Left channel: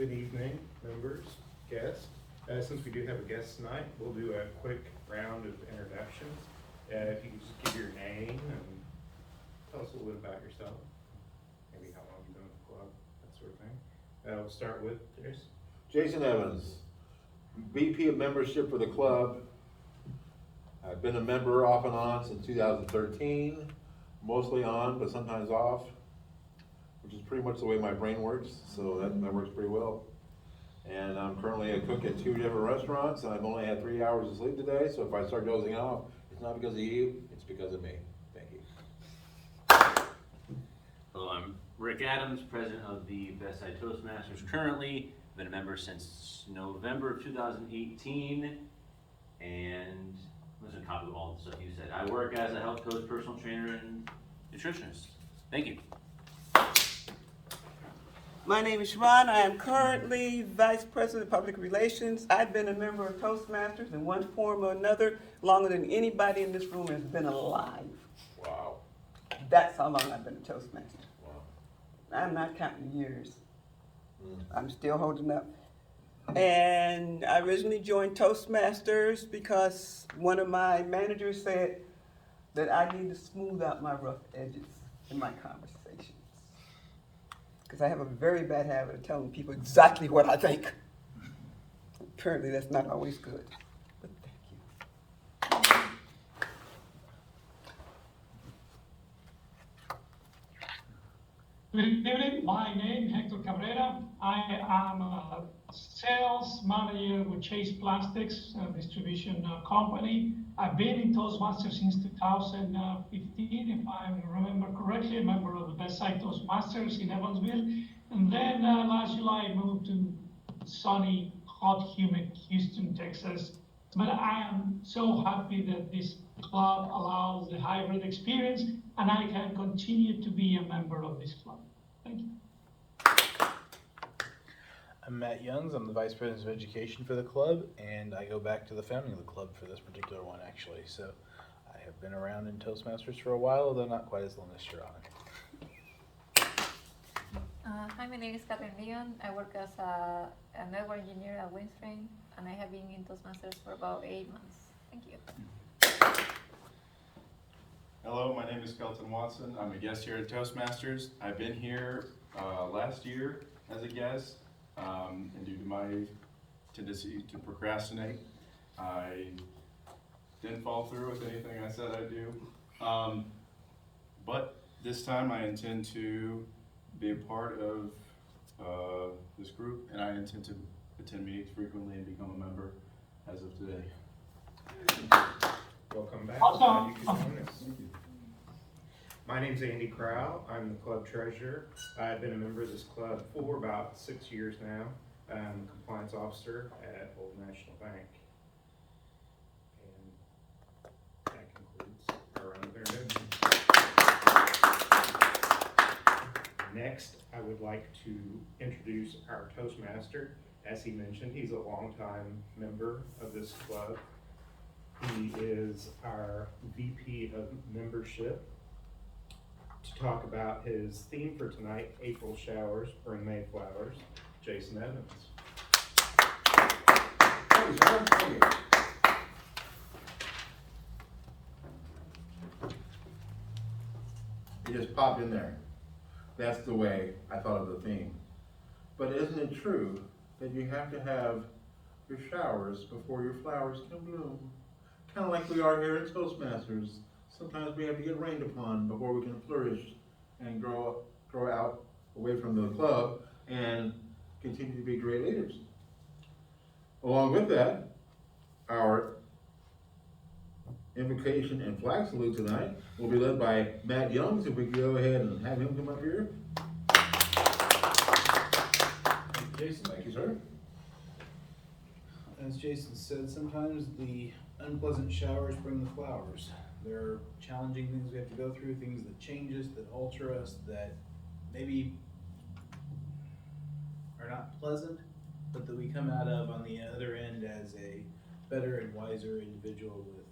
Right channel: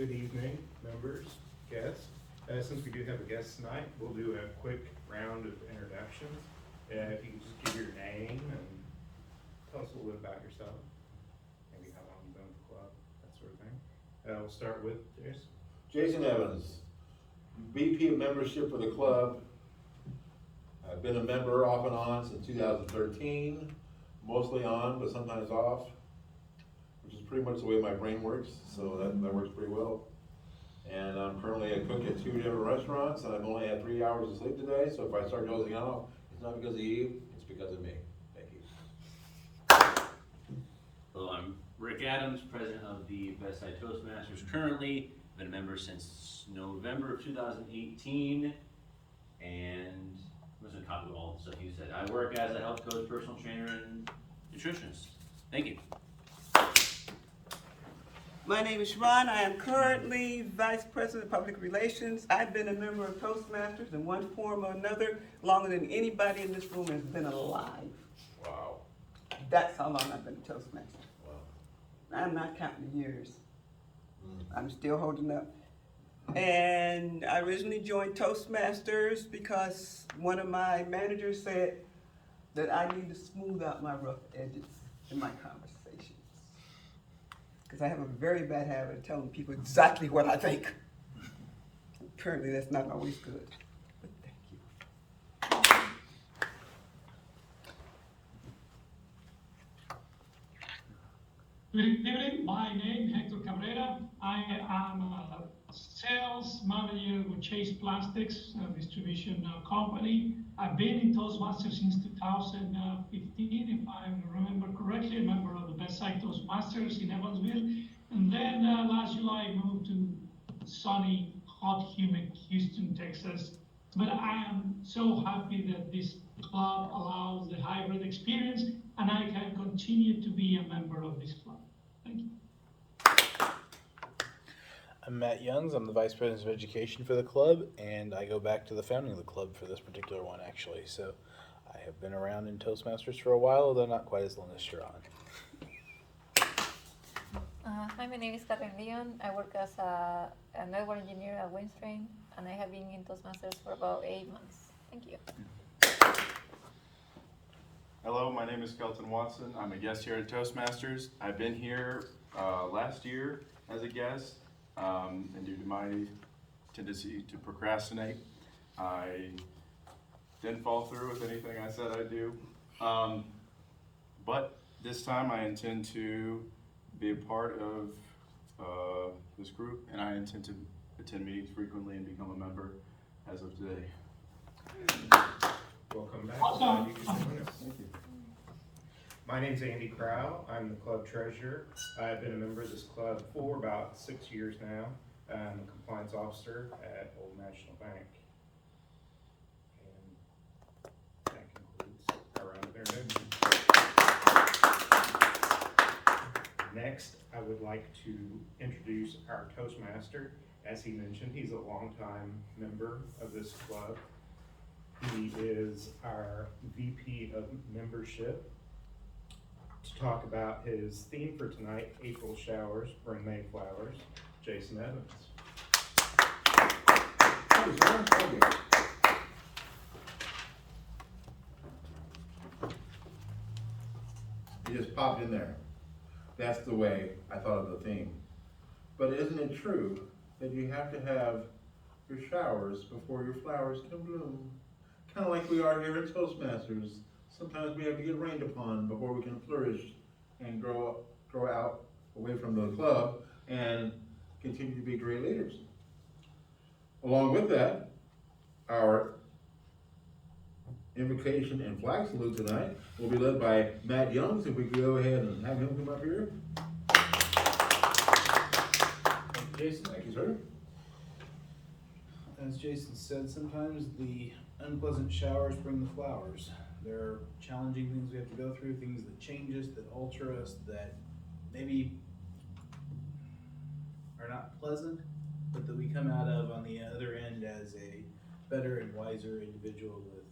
Good evening, members, guests. Since we do have a guest tonight, we'll do a quick round of introductions. If you could just give your name and tell us a little bit about yourself, maybe how long you've been with the club, that sort of thing. We'll start with Jason. Jason Evans, VP of membership for the club. I've been a member off and on since 2013, mostly on, but sometimes off, which is pretty much the way my brain works, so that works pretty well. And I'm currently a cook at 2 different restaurants, and I've only had 3 hours of sleep today, so if I start dozing off, it's not because of you, it's because of me. Thank you. Hello, I'm Rick Adams, president of the Bestside Toastmasters. Currently, been a member since November of 2018, and I'm just gonna copy all the stuff you said. I work as a health coach, personal trainer, and nutritionist. Thank you. My name is Siobhan. I am currently Vice President of Public Relations. I've been a member of Toastmasters in one form or another longer than anybody in this room has been alive. Wow. That's how long I've been a Toastmaster. Wow. I'm not counting years. I'm still holding up. And I originally joined Toastmasters because one of my managers said that I need to smooth out my rough edges in my conversations. Because I have a very bad habit of telling people exactly what I think. Apparently that's not always good, but thank you. Good evening, my name is Hector Cabrera. I am a sales manager with Chase Plastics, a distribution company. I've been in Toastmasters since 2015, if I remember correctly, a member of the Bestside Toastmasters in Evansville. And then last July I moved to sunny, hot, humid Houston, Texas. But I am so happy that this club allows the hybrid experience and I can continue to be a member of this club. Thank you. I'm Matt Youngs. I'm the Vice President of Education for the club, and I go back to the founding of the club for this particular one, actually. So I have been around in Toastmasters for a while, although not quite as long as Sharon. Hi, my name is Catherine Leon. I work as a network engineer at Windstream, and I have been in Toastmasters for about 8 months. Thank you. Hello, my name is Kelton Watson. I'm a guest here at Toastmasters. I've been here last year as a guest, and due to my tendency to procrastinate, I didn't follow through with anything I said I'd do. But this time I intend to be a part of this group, and I intend to attend meetings frequently and become a member as of today. Welcome back. Glad you could join us. My name's Andy Crow. I'm the club treasurer. I've been a member of this club for about 6 years now. I'm a compliance officer at Old National Bank. And that concludes our round of introductions. Next, I would like to introduce our Toastmaster. As he mentioned, he's a longtime member of this club. He is our VP of membership. To talk about his theme for tonight, April showers bring May flowers, Jason Evans. Thank you, sir. Thank you. It just popped in there. That's the way I thought of the theme. But isn't it true that you have to have your showers before your flowers can bloom? Kind of like we are here at Toastmasters. Sometimes we have to get rained upon before we can flourish and grow out away from the club and continue to be great leaders. Along with that, our invocation and flag salute tonight will be led by Matt Youngs. If we could go ahead and have him come up here. Thank you, Jason. Thank you, sir. As Jason said, sometimes the unpleasant showers bring the flowers. There are challenging things we have to go through, things that change us, that alter us, that maybe are not pleasant, but that we come out of on the other end as a better and wiser individual with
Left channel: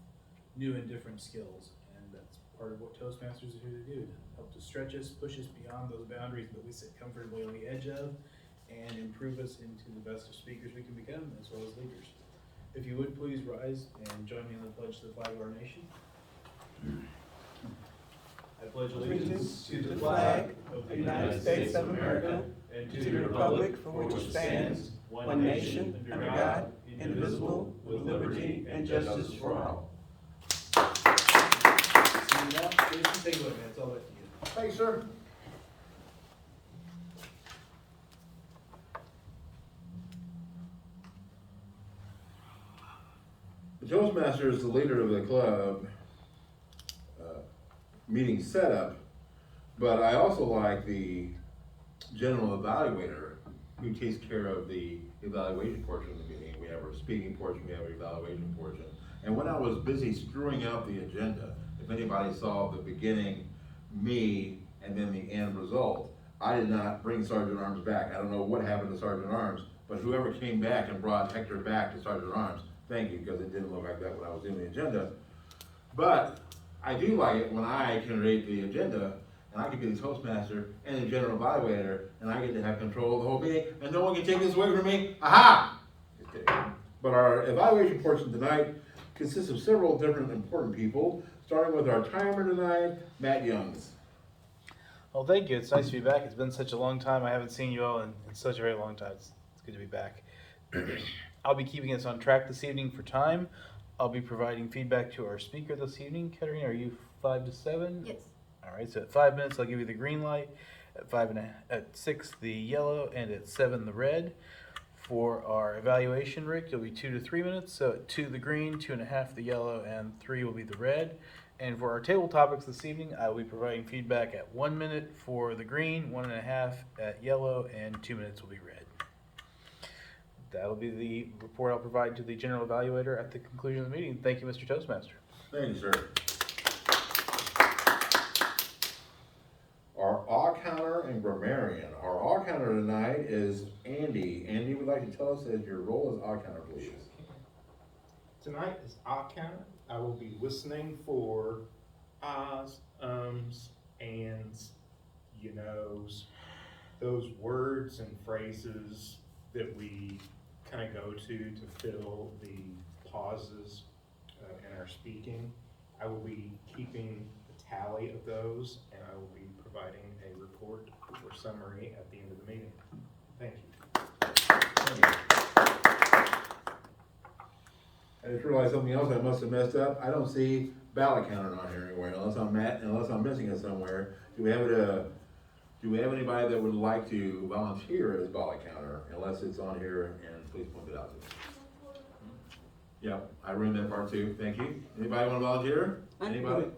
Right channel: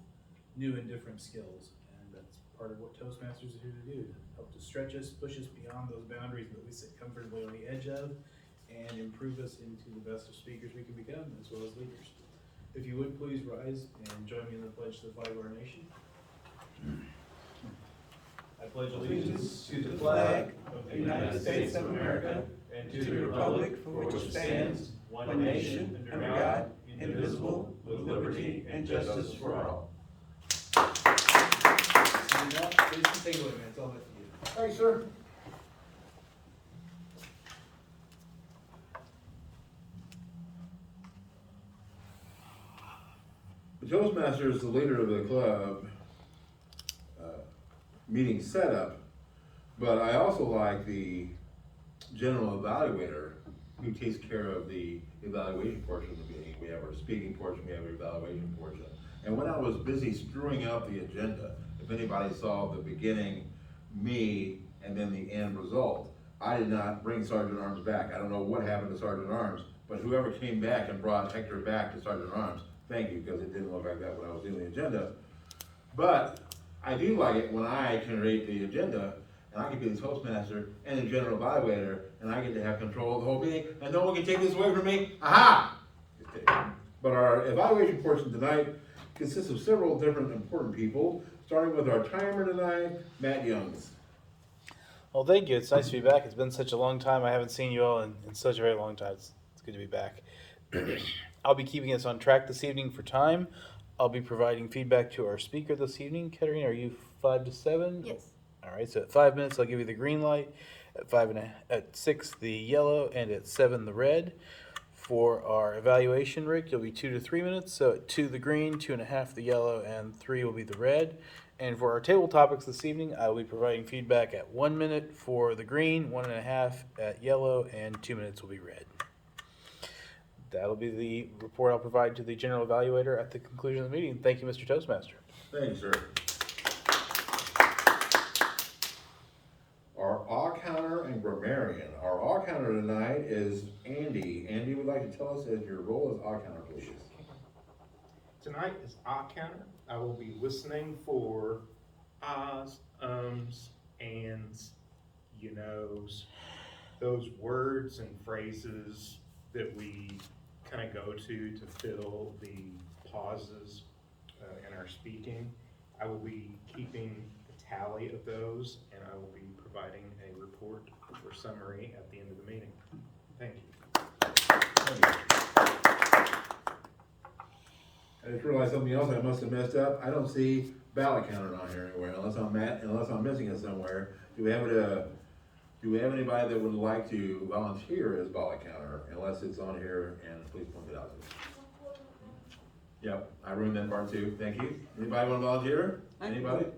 new and different skills. And that's part of what Toastmasters are here to do, to help to stretch us, push us beyond those boundaries that we sit comfortably on the edge of, and improve us into the best of speakers we can become, as well as leaders. If you would please rise and join me in the pledge to the flag of our nation. I pledge allegiance to the flag of the United States of America and to the republic for which it stands, one nation, under God, indivisible, with liberty and justice for all. Seeing none, Jason, take it away, man. It's all up to you. Thanks, sir. The Toastmaster is the leader of the club meeting setup, but I also like the general evaluator who takes care of the evaluation portion of the meeting. We have our speaking portion, we have our evaluation portion. And when I was busy screwing up the agenda, if anybody saw the beginning, me, and then the end result, I did not bring Sergeant Arms back. I don't know what happened to Sergeant Arms, but whoever came back and brought Hector back to Sergeant Arms, thank you, because it didn't look like that when I was doing the agenda. But I do like it when I can rate the agenda, and I can be the Toastmaster and the general evaluator, and I get to have control of the whole meeting, and no one can take this away from me. Aha! Just kidding. But our evaluation portion tonight consists of several different important people, starting with our timer tonight, Matt Youngs. Well, thank you. It's nice to be back. It's been such a long time. I haven't seen you all in such a very long time. It's good to be back. I'll be keeping us on track this evening for time. I'll be providing feedback to our speaker this evening. Katerina, are you 5 to 7? Yes. All right, so at 5 minutes, I'll give you the green light. At 6, the yellow, and at 7, the red. For our evaluation, Rick, it'll be 2 to 3 minutes. So at 2, the green, 2.5, the yellow, and 3 will be the red. And for our table topics this evening, I will be providing feedback at 1 minute for the green, 1.5 at yellow, and 2 minutes will be red. That'll be the report I'll provide to the general evaluator at the conclusion of the meeting. Thank you, Mr. Toastmaster. Thank you, sir. Our awe counter and grammarian. Our awe counter tonight is Andy. Andy would like to tell us as your role as awe counter, please. Tonight is I counter. I will be listening for ahs, ums, ands, you knows, those words and phrases that we kind of go to fill the pauses in our speaking. I will be keeping a tally of those, and I will be providing a report or summary at the end of the meeting. Thank you. Thank you. I just realized something else I must have messed up. I don't see ballot counter on here anywhere, unless I'm missing it somewhere. Do we have anybody that would like to volunteer as ballot counter? Unless it's on here, and please point it out to me. Yep, I ruined that part too. Thank you. Anybody want to volunteer? I can do Anybody? it.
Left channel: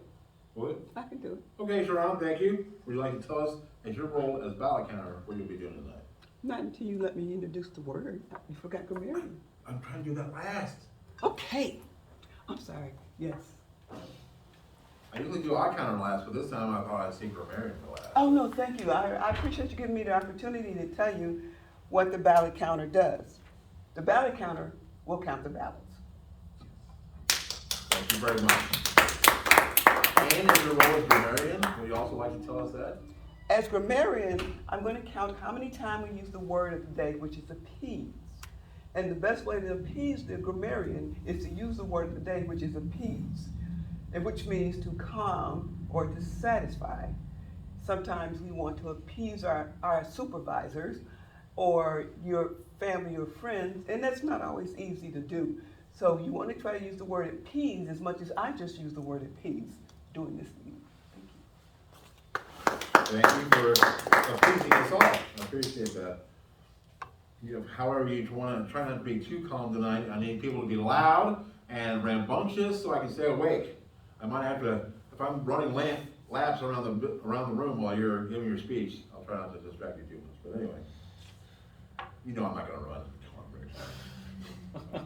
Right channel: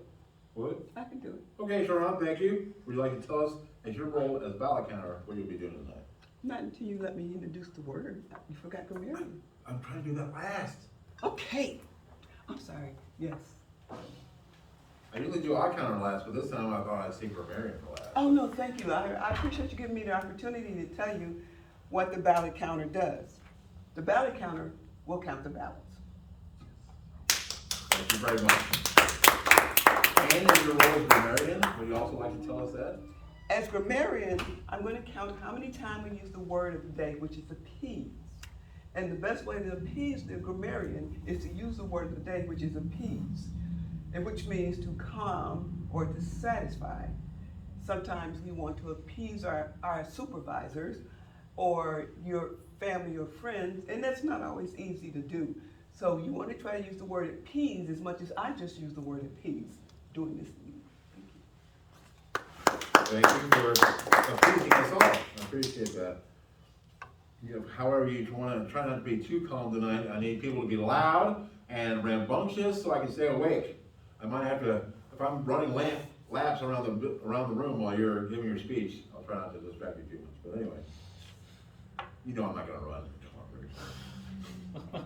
Would? I can do it. Okay, Sharon, thank you. Would you like to tell us, as your role as ballot counter, what you'll be doing tonight? Not until you let me introduce the word. You forgot grammarian. I'm trying to do that last. Okay. I'm sorry. Yes. I usually do eye counter last, but this time I thought I'd see grammarian for last. Oh, no, thank you. I appreciate you giving me the opportunity to tell you what the ballot counter does. The ballot counter will count the ballots. Thank you very much. And in your role as grammarian, would you also like to tell us that? As grammarian, I'm going to count how many times we use the word of the day, which is appease. And the best way to appease the grammarian is to use the word of the day, which is appease, and which means to calm or to satisfy. Sometimes we want to appease our supervisors or your family or friends, and that's not always easy to do. So you want to try to use the word appease as much as I just use the word appease doing this meeting. Thank you for appeasing us all. I appreciate that. However, you want to try not to be too calm tonight. I need people to be loud and rambunctious so I can stay awake. I might have to, if I'm running laps around the room while you're giving your speech, I'll try not to distract you too much. But anyway, you know I'm not going to run. Come on, Rick.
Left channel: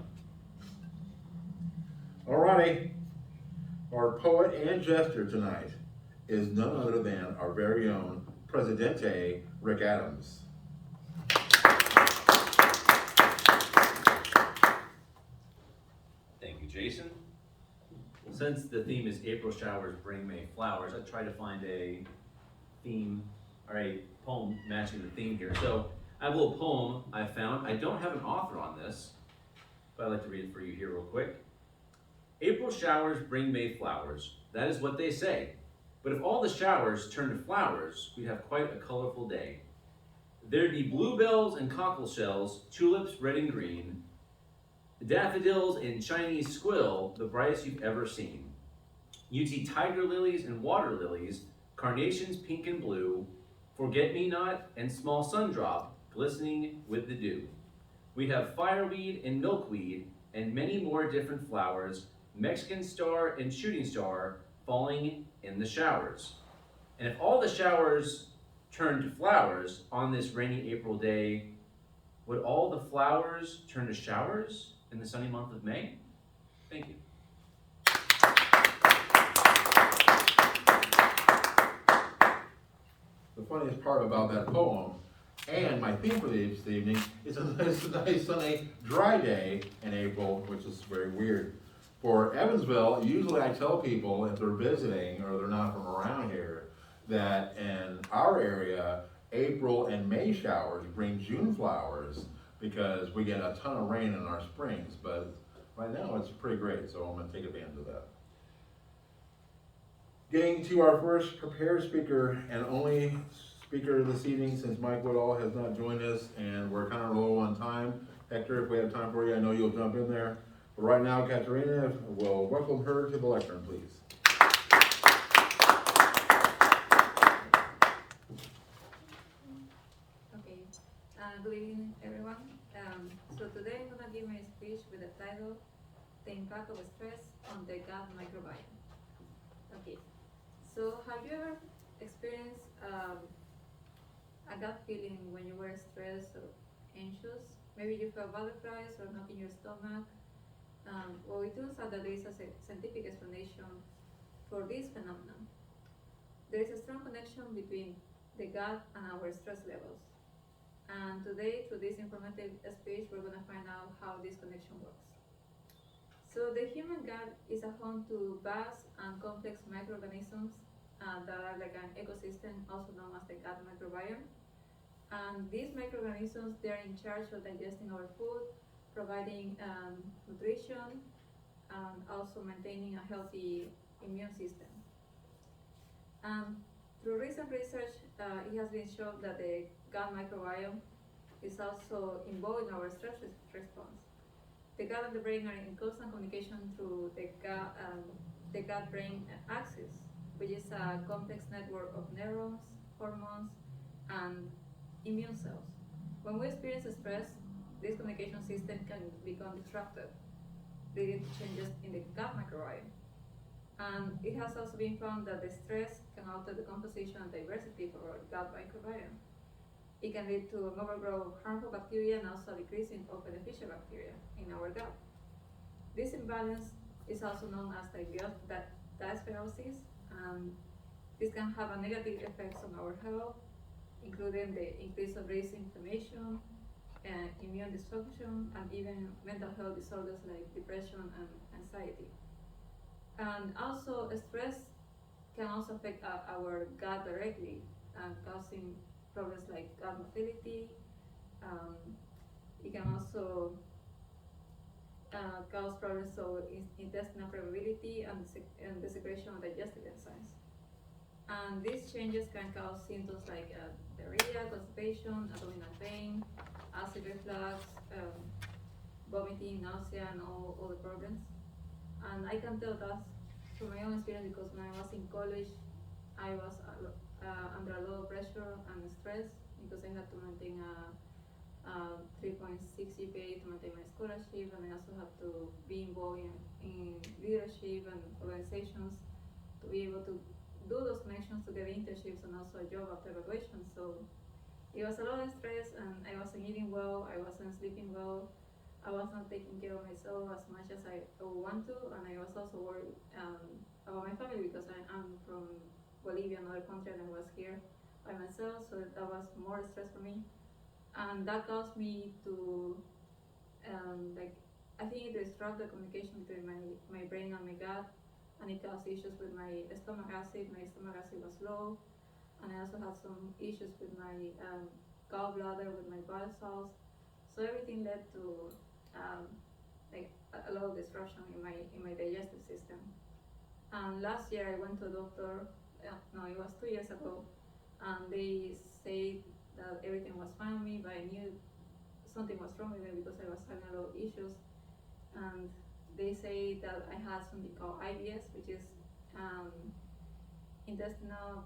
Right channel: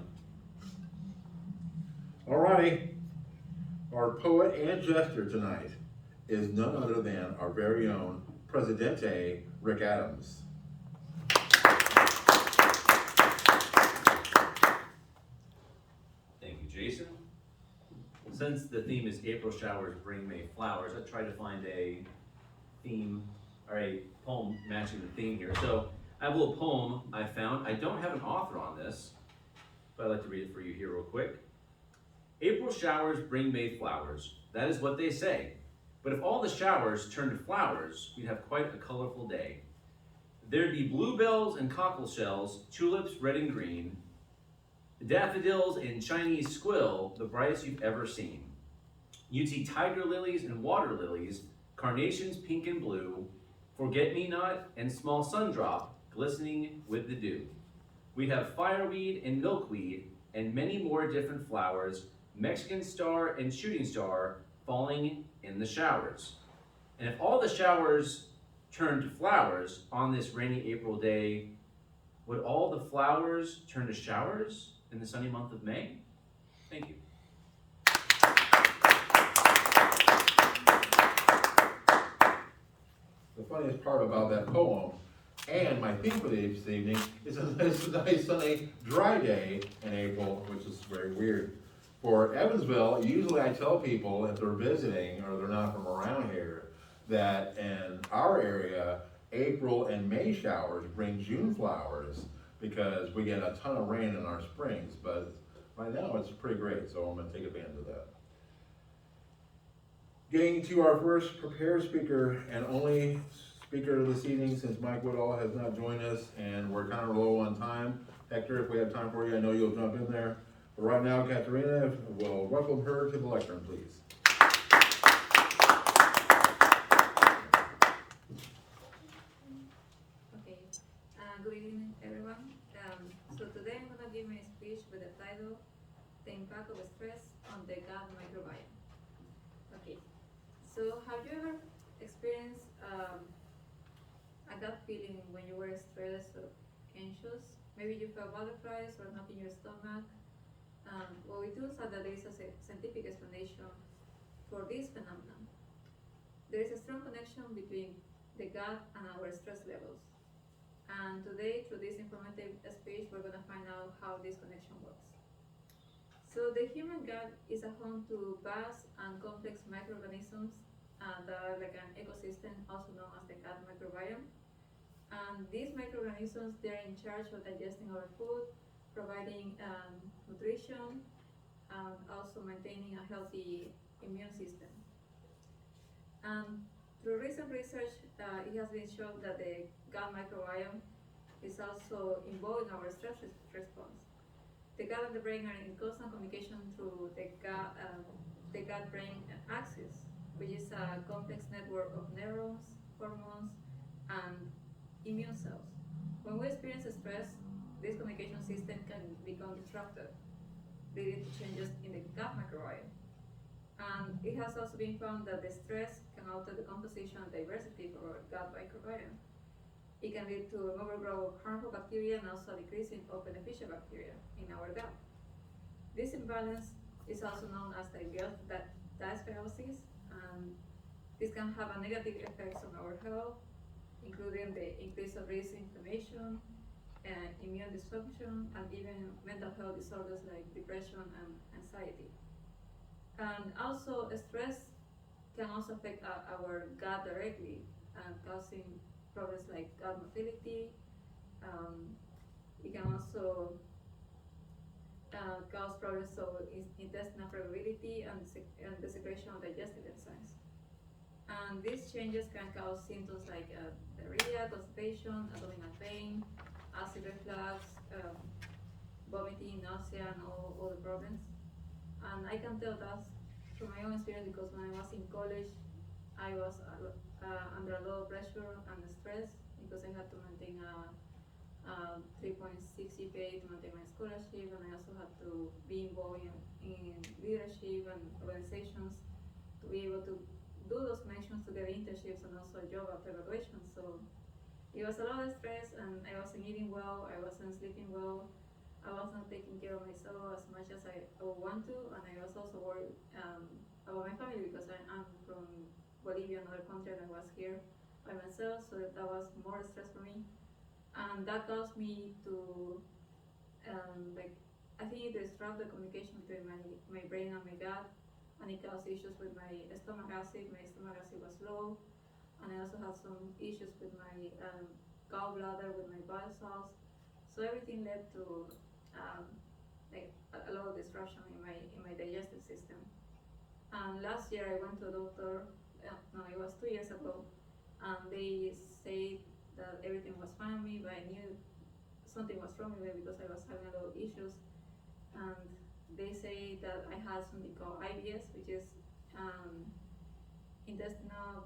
Alrighty. Our poet and jester tonight is none other than our very own Presidente Rick Adams. Thank you, Jason. Since the theme is April showers bring May flowers, I tried to find a theme or a poem matching the theme here. So I have a little poem I found. I don't have an author on this, but I'd like to read it for you here real quick. April showers bring May flowers. That is what they say. But if all the showers turned to flowers, we'd have quite a colorful day. There'd be bluebells and cockle shells, tulips red and green, daffodils and Chinese squill, the brightest you've ever seen. You'd see tiger lilies and water lilies, carnations pink and blue, forget-me-not and small sundrop glistening with the dew. We'd have fireweed and milkweed and many more different flowers, Mexican star and shooting star falling in the showers. And if all the showers turned to flowers on this rainy April day, would all the flowers turn to showers in the sunny month of May? Thank you. The funniest part about that poem and my theme for this evening is it's a nice sunny, dry day in April, which is very weird. For Evansville, usually I tell people if they're visiting or they're not from around here, that in our area, April and May showers bring June flowers because we get a ton of rain in our springs, but right now it's pretty great, so I'm gonna take advantage of that. Getting to our first prepared speaker and only speaker this evening, since Mike Woodall has not joined us and we're kind of low on time. Hector, if we have time for you, I know you'll jump in there. But right now, Katerina, will welcome her to the lectern, please. Okay, good evening, everyone. So today I'm gonna give my speech with the title, The Impact of Stress on the Gut Microbiome. Okay, so have you ever experienced a gut feeling when you were stressed or anxious? Maybe you felt butterflies or knot in your stomach. Well, it turns out that there is a scientific explanation for this phenomenon. There is a strong connection between the gut and our stress levels. And today, through this informative speech, we're gonna find out how this connection works. So the human gut is a home to vast and complex microorganisms that are like an ecosystem, also known as the gut microbiome. And these microorganisms, they're in charge of digesting our food, providing nutrition, and also maintaining a healthy immune system. And through recent research, it has been shown that the gut microbiome is also involved in our stress response. The gut and the brain are in constant communication through the gut-brain axis, which is a complex network of neurons, hormones, and immune cells. When we experience stress, this communication system can become disrupted, leading to changes in the gut microbiome. And it has also been found that the stress can alter the composition and diversity of our gut microbiome. It can lead to an overgrowth of harmful bacteria and also a decrease of beneficial bacteria in our gut. This imbalance is also known as dysbiosis, and this can have a negative effects on our health, including the increase of risk inflammation, immune dysfunction, and even mental health disorders like depression and anxiety. And also, stress can also affect our gut directly, causing problems like gut motility. It can also cause problems of intestinal permeability and the secretion of digestive enzymes. And these changes can cause symptoms like diarrhea, constipation, abdominal pain, acid reflux, vomiting, nausea, and all the problems. And I can tell that from my own experience because when I was in college, I was under a lot of pressure and stress because I had to maintain a 3.6 GPA to maintain my scholarship, and I also had to be involved in leadership and organizations to be able to do those connections to get internships and also a job after graduation. So it was a lot of stress, and I wasn't eating well, I wasn't sleeping well, I was not taking care of myself as much as I would want to, and I was also worried about my family because I'm from Bolivia, another country, and I was here by myself, so that was more stress for me. And that caused me to, I think it disrupted the communication between my brain and my gut, and it caused issues with my stomach acid. My stomach acid was low, and I also had some issues with my gallbladder with my bile salts. So everything led to like a lot of disruption in my digestive system. And last year I went to a doctor. No, it was 2 years ago, and they said that everything was fine with me, but I knew something was wrong with me because I was having a lot of issues. And they say that I had something called IBS, which is intestinal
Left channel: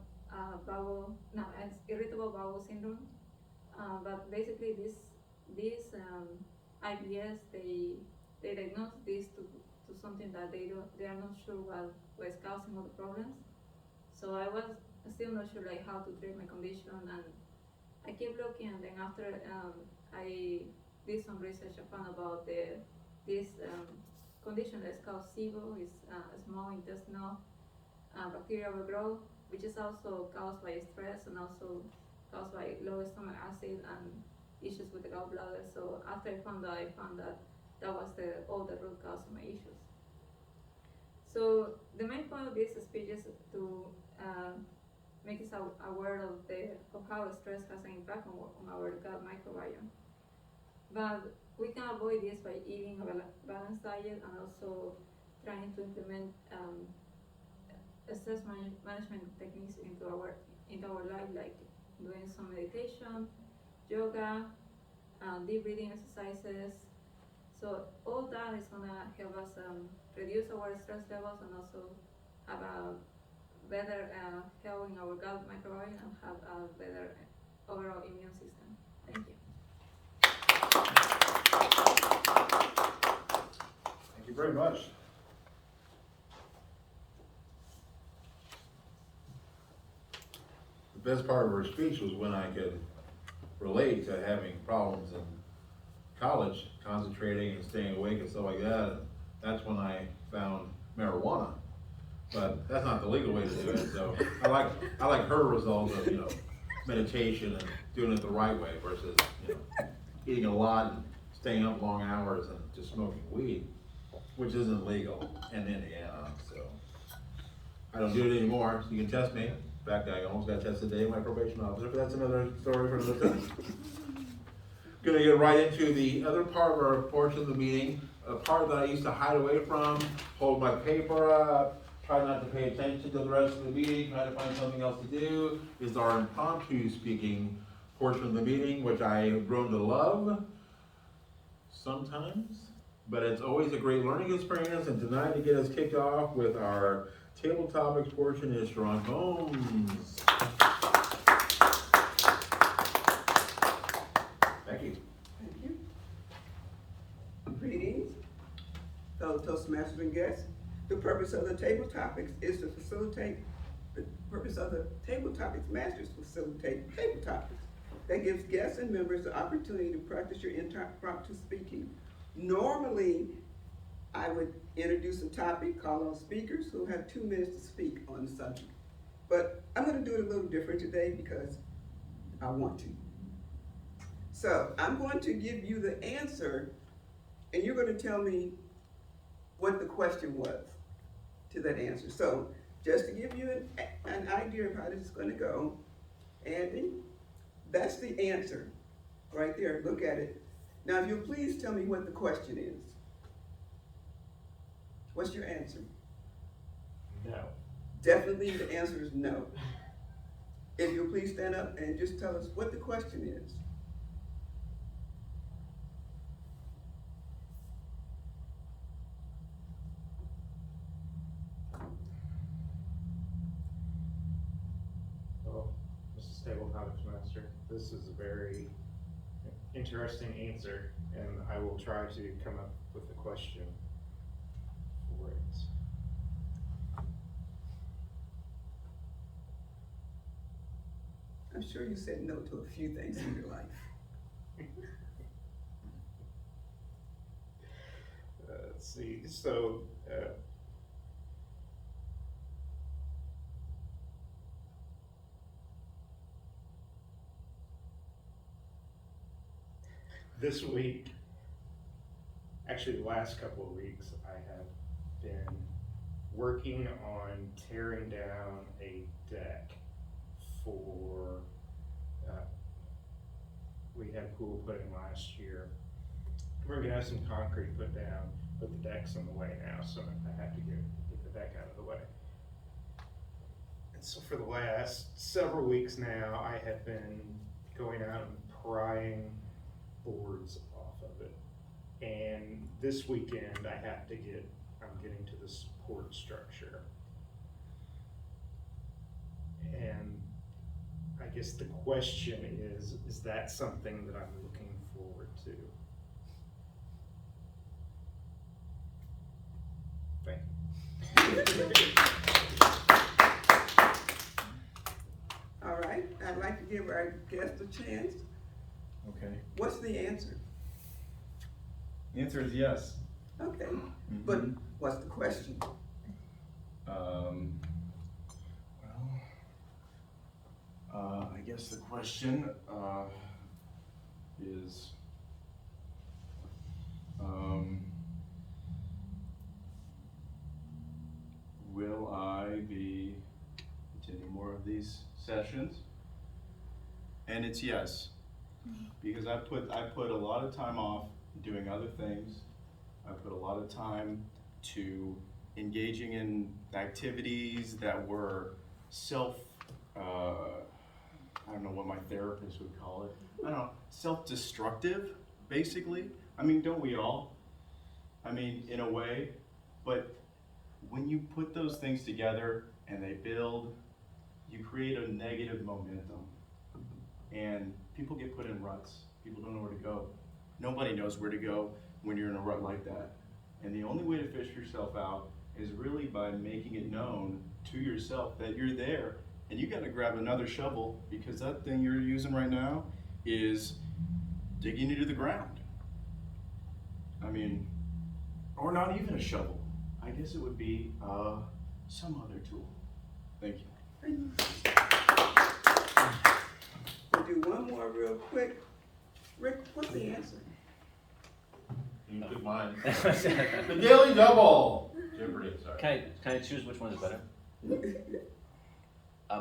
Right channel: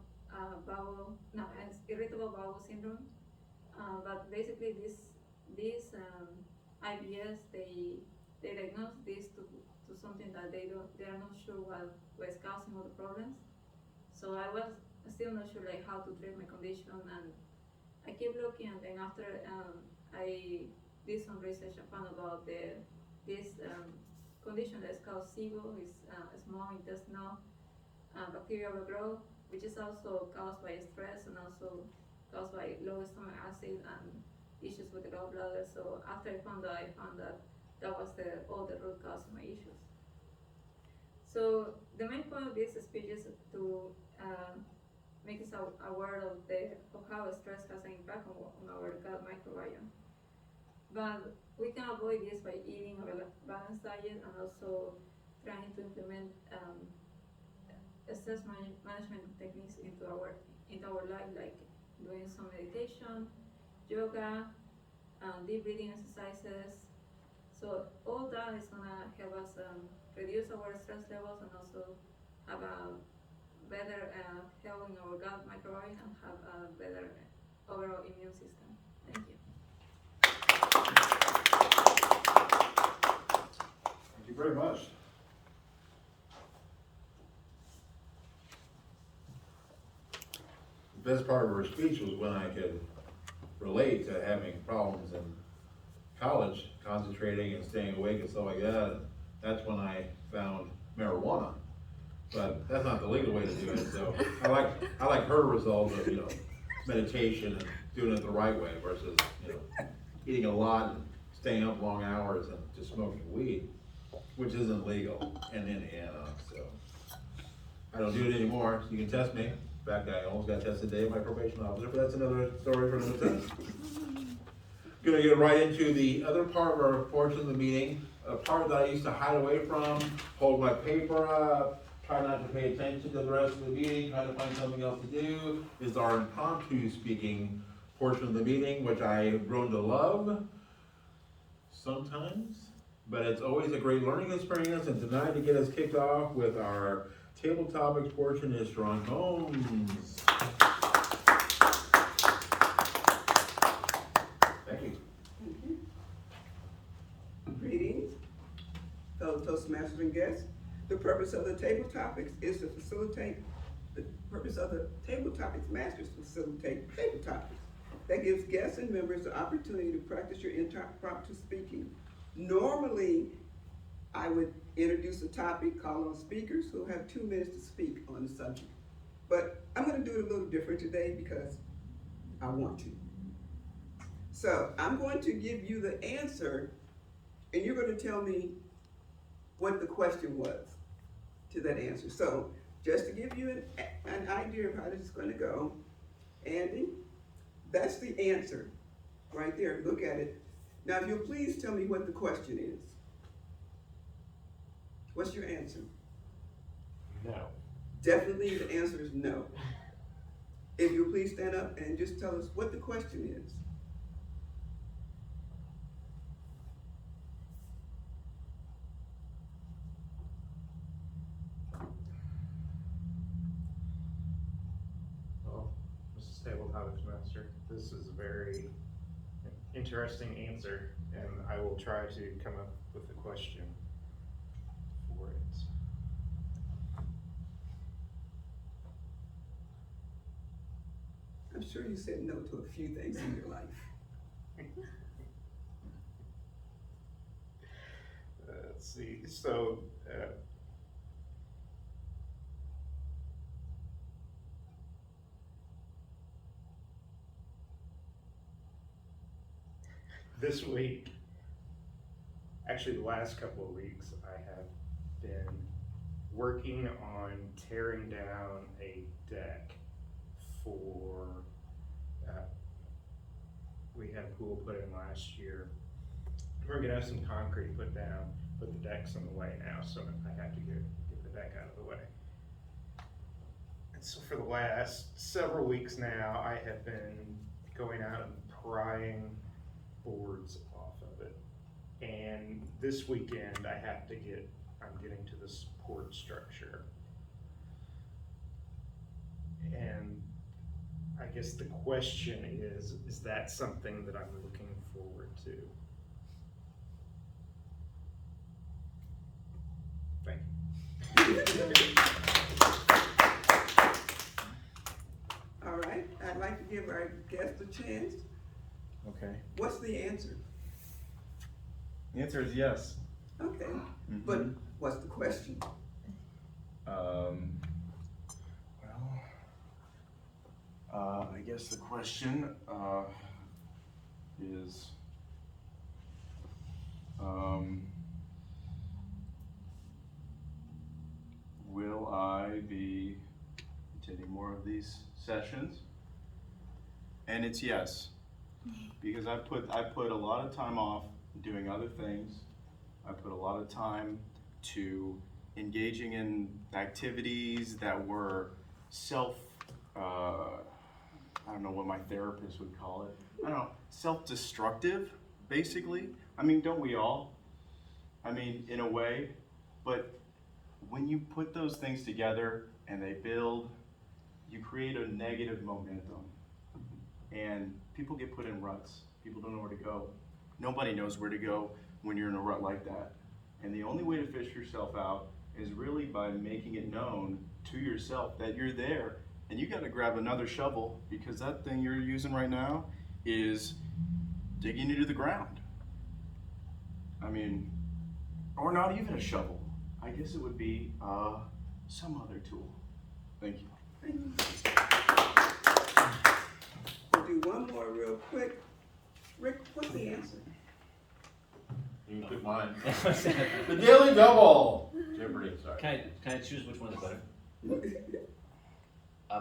bowel, no, it's irritable bowel syndrome. But basically, this IBS, they diagnose this to something that they are not sure what was causing all the problems. So I was still not sure like how to treat my condition, and I keep looking. And then after I did some research, I found about this condition that's called SIBO, is small intestinal bacterial overgrowth, which is also caused by stress and also caused by low stomach acid and issues with the gallbladder. So after I found that that was all the root cause of my issues. So the main point of this speech is to make us aware of how stress has an impact on our gut microbiome. But we can avoid this by eating a balanced diet and also trying to implement stress management techniques into our life, like doing some meditation, yoga, deep breathing exercises. So all that is gonna help us reduce our stress levels and also have a better health in our gut microbiome and have a better overall immune system. Thank you. Thank you very much. The best part of her speech was when I could relate to having problems in college, concentrating and staying awake and stuff like that. And that's when I found marijuana. But that's not the legal way to do it. So I like her result of, meditation and doing it the right way versus, eating a lot and staying up long hours and just smoking weed, which isn't legal in Indiana. So I don't do it anymore. So you can test me. In fact, I almost got tested today by my probation officer, but that's another story for another time. Gonna get right into the other part of our portion of the meeting, a part that I used to hide away from, hold my paper up, try not to pay attention to the rest of the meeting, try to find something else to do, is our impromptu speaking portion of the meeting, which I have grown to love sometimes, but it's always a great learning experience. And tonight, to get us kicked off with our table topics portion, is Sharon Combs. Thank you. Thank you. Greetings, fellow Toastmasters and guests. The purpose of the table topics is to facilitate, the purpose of the table topics masters facilitate table topics. That gives guests and members the opportunity to practice your impromptu speaking. Normally, I would introduce a topic, call on speakers who have 2 minutes to speak on the subject. But I'm gonna do it a little different today because I want to. So I'm going to give you the answer, and you're gonna tell me what the question was to that answer. So just to give you an idea of how this is gonna go, Andy, that's the answer right there. Look at it. Now, if you'll please tell me what the question is. What's your answer? No. Definitely the answer is no. If you'll please stand up and just tell us what the question is. Well, Mrs. Table Topics Master, this is a very interesting answer, and I will try to come up with a question for it. I'm sure you said no to a few things in your life. Let's see, so, this week, actually the last couple of weeks, I have been working on tearing down a deck for we had a pool put in last year. We're gonna have some concrete put down, but the deck's in the way now, so I have to get the deck out of the way. And so for the last several weeks now, I have been going out and prying boards off of it. And this weekend, I'm getting to the support structure. And I guess the question is that something that I'm looking forward to? Thank you. All right, I'd like to give our guest a chance. Okay. What's the answer? The answer is yes. Okay, but what's the question? I guess the question is, will I be attending more of these sessions? And it's yes, because I put a lot of time off doing other things. I put a lot of time to engaging in activities that were I don't know what my therapist would call it. I don't know, self-destructive, basically. I mean, don't we all? I mean, in a way, but when you put those things together and they build, you create a negative momentum. And people get put in ruts. People don't know where to go. Nobody knows where to go when you're in a rut like that. And the only way to fish yourself out is really by making it known to yourself that you're there, and you gotta grab another shovel, because that thing you're using right now is digging you to the ground. I mean, or not even a shovel. I guess it would be some other tool. Thank you. We'll do one more real quick. Rick, what's the answer? You took mine. Can The Daily Double. Jeopardy, sorry. Can I choose which one is better?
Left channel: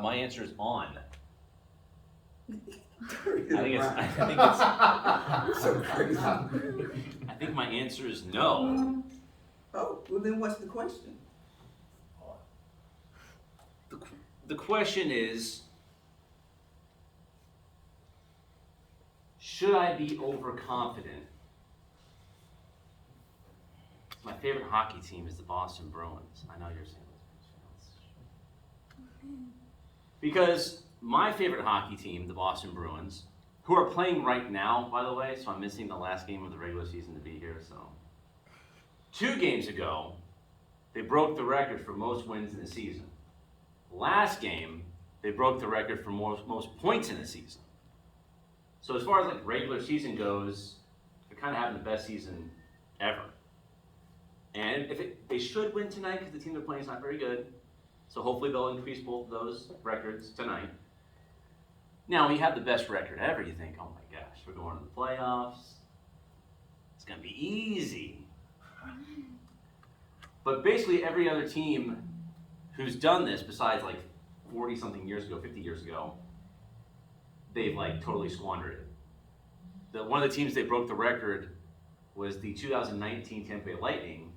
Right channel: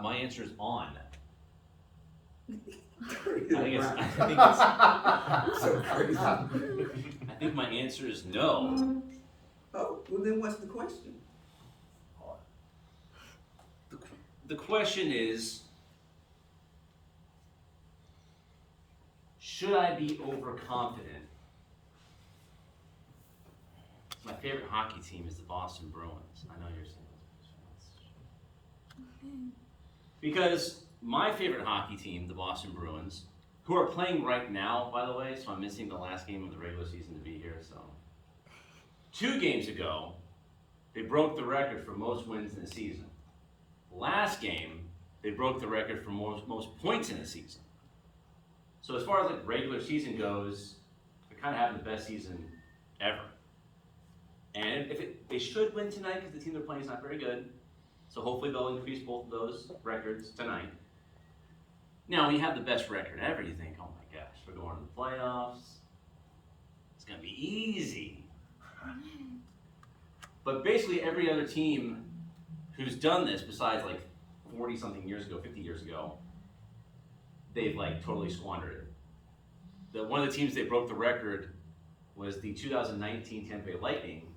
My answer is on. So crazy. I think my answer is no. Oh, well then what's the question? The question is, should I be overconfident? My favorite hockey team is the Boston Bruins. I know you're saying this. Because my favorite hockey team, the Boston Bruins, who are playing right now, by the way, so I'm missing the last game of the regular season to be here, so. 2 games ago, they broke the record for most wins in the season. Last game, they broke the record for most points in the season. So as far as like regular season goes, they're kind of having the best season ever. And they should win tonight because the team they're playing is not very good. So hopefully they'll increase both of those records tonight. Now, when you have the best record ever, you think, oh my gosh, we're going to the playoffs. It's going to be easy. But basically every other team who's done this, besides like 40-something years ago, 50 years ago, they've like totally squandered it. One of the teams that broke the record was the 2019 Tampa Bay Lightning.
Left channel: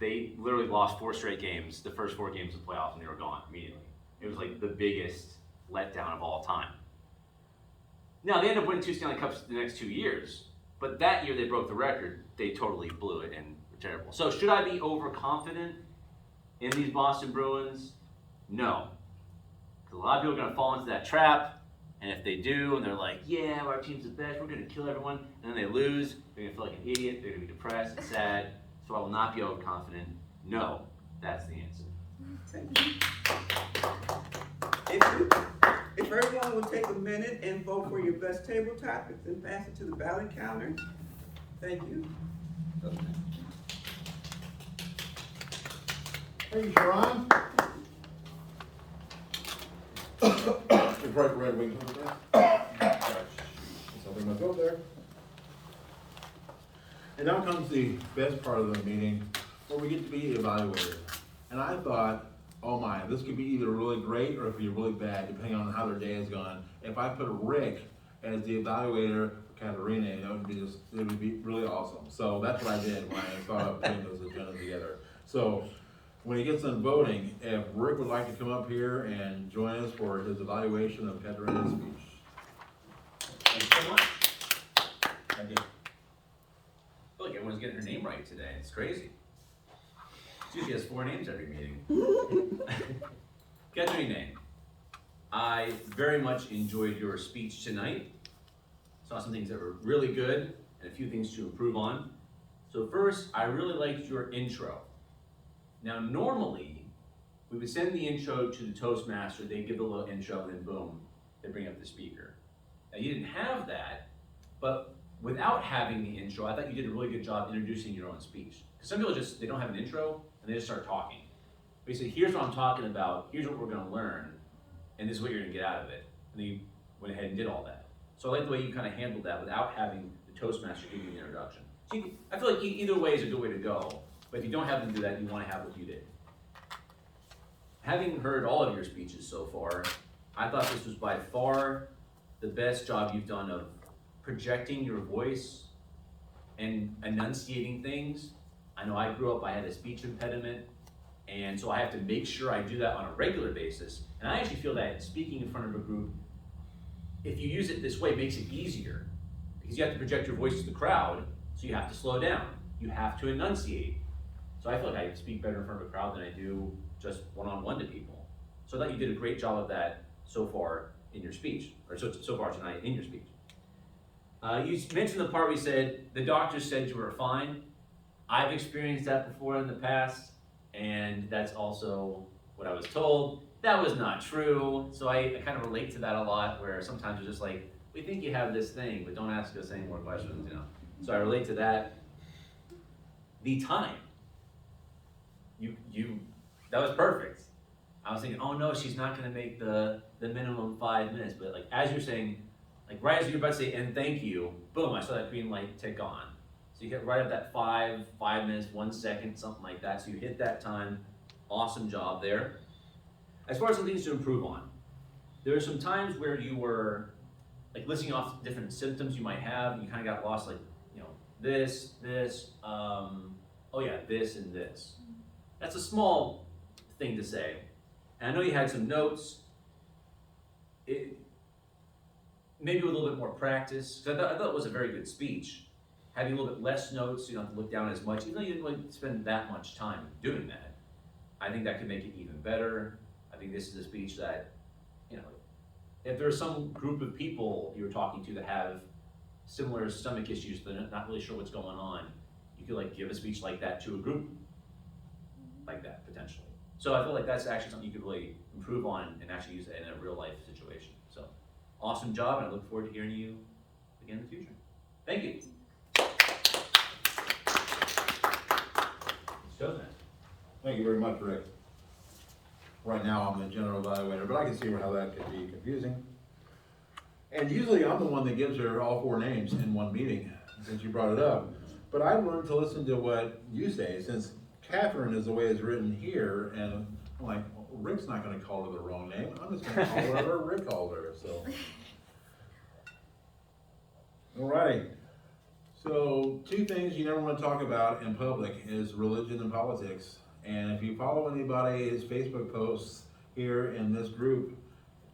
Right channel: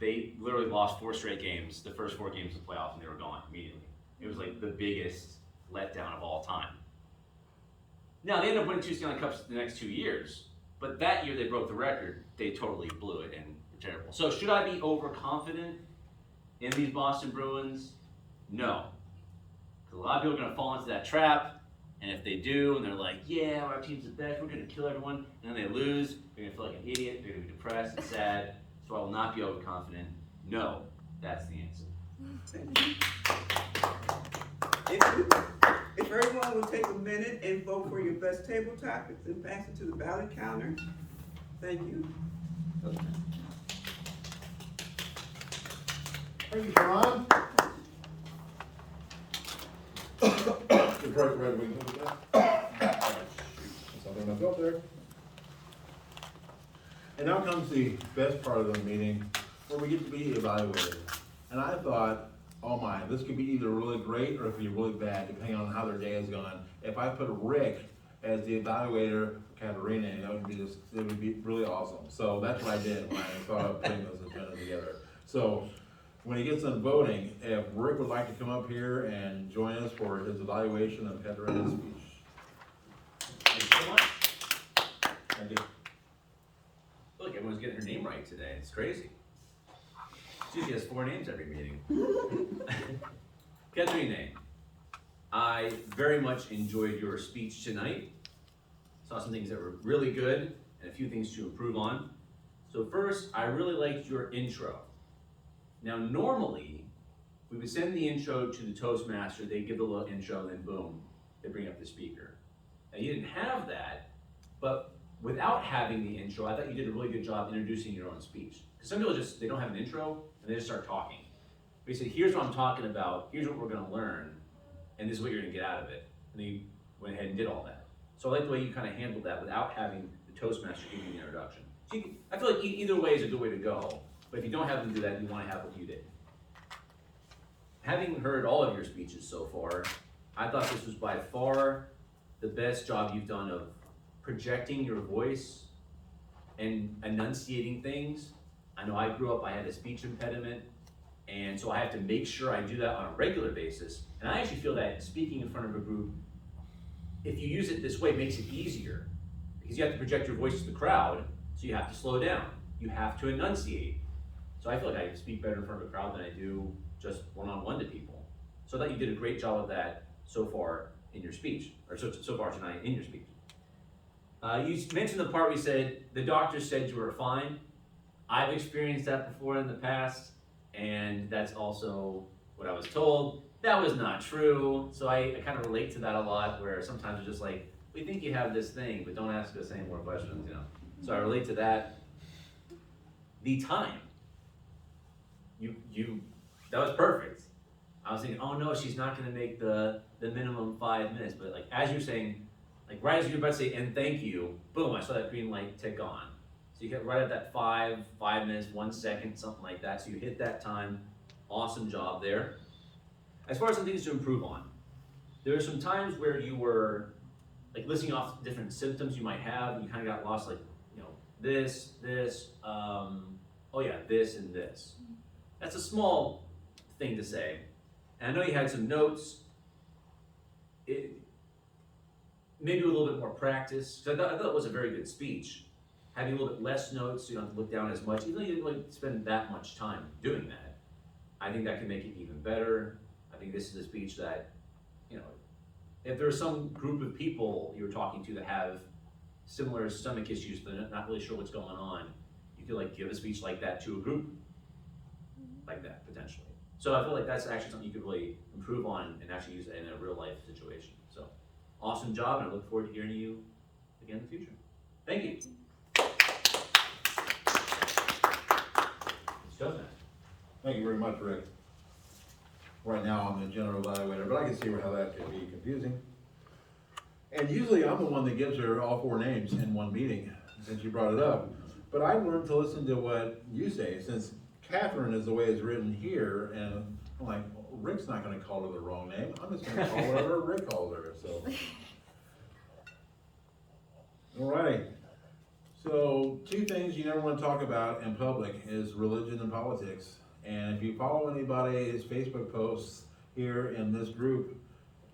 They literally lost 4 straight games, the first 4 games of the playoffs, and they were gone immediately. It was like the biggest letdown of all time. Now, they ended up winning 2 Stanley Cups the next 2 years, but that year they broke the record, they totally blew it and were terrible. So should I be overconfident in these Boston Bruins? No. Because a lot of people are going to fall into that trap, and if they do, and they're like, yeah, our team's the best, we're going to kill everyone, and then they lose, they're going to feel like an idiot, they're going to be depressed and sad. So I will not be overconfident. No, that's the answer. Thank you. If everyone will take a minute and vote for your best table topics and pass it to the ballot counter. Thank you. Okay. Thank you, Sharon. It's right, Red Wings. Something myself there. And now comes the best part of the meeting, where we get to be evaluated. And I thought, oh my, this could be either really great or it could be really bad, depending on how their day has gone. If I put Rick as the evaluator for Katerina. That would be just, it would be really awesome. So that's what I did when I thought of putting those agendas together. So when he gets done voting, if Rick would like to come up here and join us for his evaluation of Katerina's speech. Thanks so much. Thank you. I feel like everyone's getting her name right today. It's crazy. She usually has 4 names every meeting. Katerina, I very much enjoyed your speech tonight. Saw some things that were really good and a few things to improve on. So first, I really liked your intro. Now normally, we would send the intro to the Toastmaster, they give the little intro, and then boom, they bring up the speaker. Now you didn't have that, but without having the intro, I thought you did a really good job introducing your own speech. Because some people just, they don't have an intro, and they just start talking. But you say, here's what I'm talking about, here's what we're gonna learn, and this is what you're gonna get out of it. And then you went ahead and did all that. So I like the way you kind of handled that without having the Toastmaster give you the introduction. So you can, I feel like either way is a good way to go, but if you don't have them do that, you wanna have what you did. Having heard all of your speeches so far, I thought this was by far the best job you've done of projecting your voice and enunciating things. I know I grew up, I had a speech impediment, and so I have to make sure I do that on a regular basis. And I actually feel that speaking in front of a group, if you use it this way, makes it easier. Because you have to project your voice to the crowd, so you have to slow down. You have to enunciate. So I feel like I speak better in front of a crowd than I do just one-on-one to people. So I thought you did a great job of that so far in your speech, or so far tonight in your speech. You mentioned the part where you said, the doctor said you were fine. I've experienced that before in the past, and that's also what I was told. That was not true, so I kind of relate to that a lot, where sometimes it's just like, we think you have this thing, but don't ask us any more questions, you know? So I relate to that. The time. That was perfect. I was thinking, oh no, she's not gonna make the minimum 5 minutes, but like, as you're saying, like right as you're about to say, and thank you, boom, I saw that green light tick on. So you hit right at that 5 minutes, 1 second, something like that. So you hit that time, awesome job there. As far as some things to improve on, there are some times where you were like listing off different symptoms you might have, and you kind of got lost, like, you know, this, oh yeah, this and this. That's a small thing to say. And I know you had some notes. Maybe with a little bit more practice, because I thought it was a very good speech. Having a little bit less notes, so you don't have to look down as much, even though you didn't really spend that much time doing that. I think that could make it even better. I think this is a speech that, you know, if there's some group of people you're talking to that have similar stomach issues, they're not really sure what's going on, you could like give a speech like that to a group like that, potentially. So I feel like that's actually something you could really improve on and actually use it in a real life situation. So awesome job, and I look forward to hearing you again in the future. Thank you. Thank you very much, Rick. Right now, I'm the general evaluator, but I can see how that could be confusing. And usually I'm the one that gives her all 4 names in one meeting, since you brought it up. But I've learned to listen to what you say, since Catherine is the way it's written here, and I'm like, well, Rick's not gonna call her the wrong name. I'm just gonna call whatever Rick called her, so. All right. So 2 things you never wanna talk about in public is religion and politics. And if you follow anybody's Facebook posts here in this group,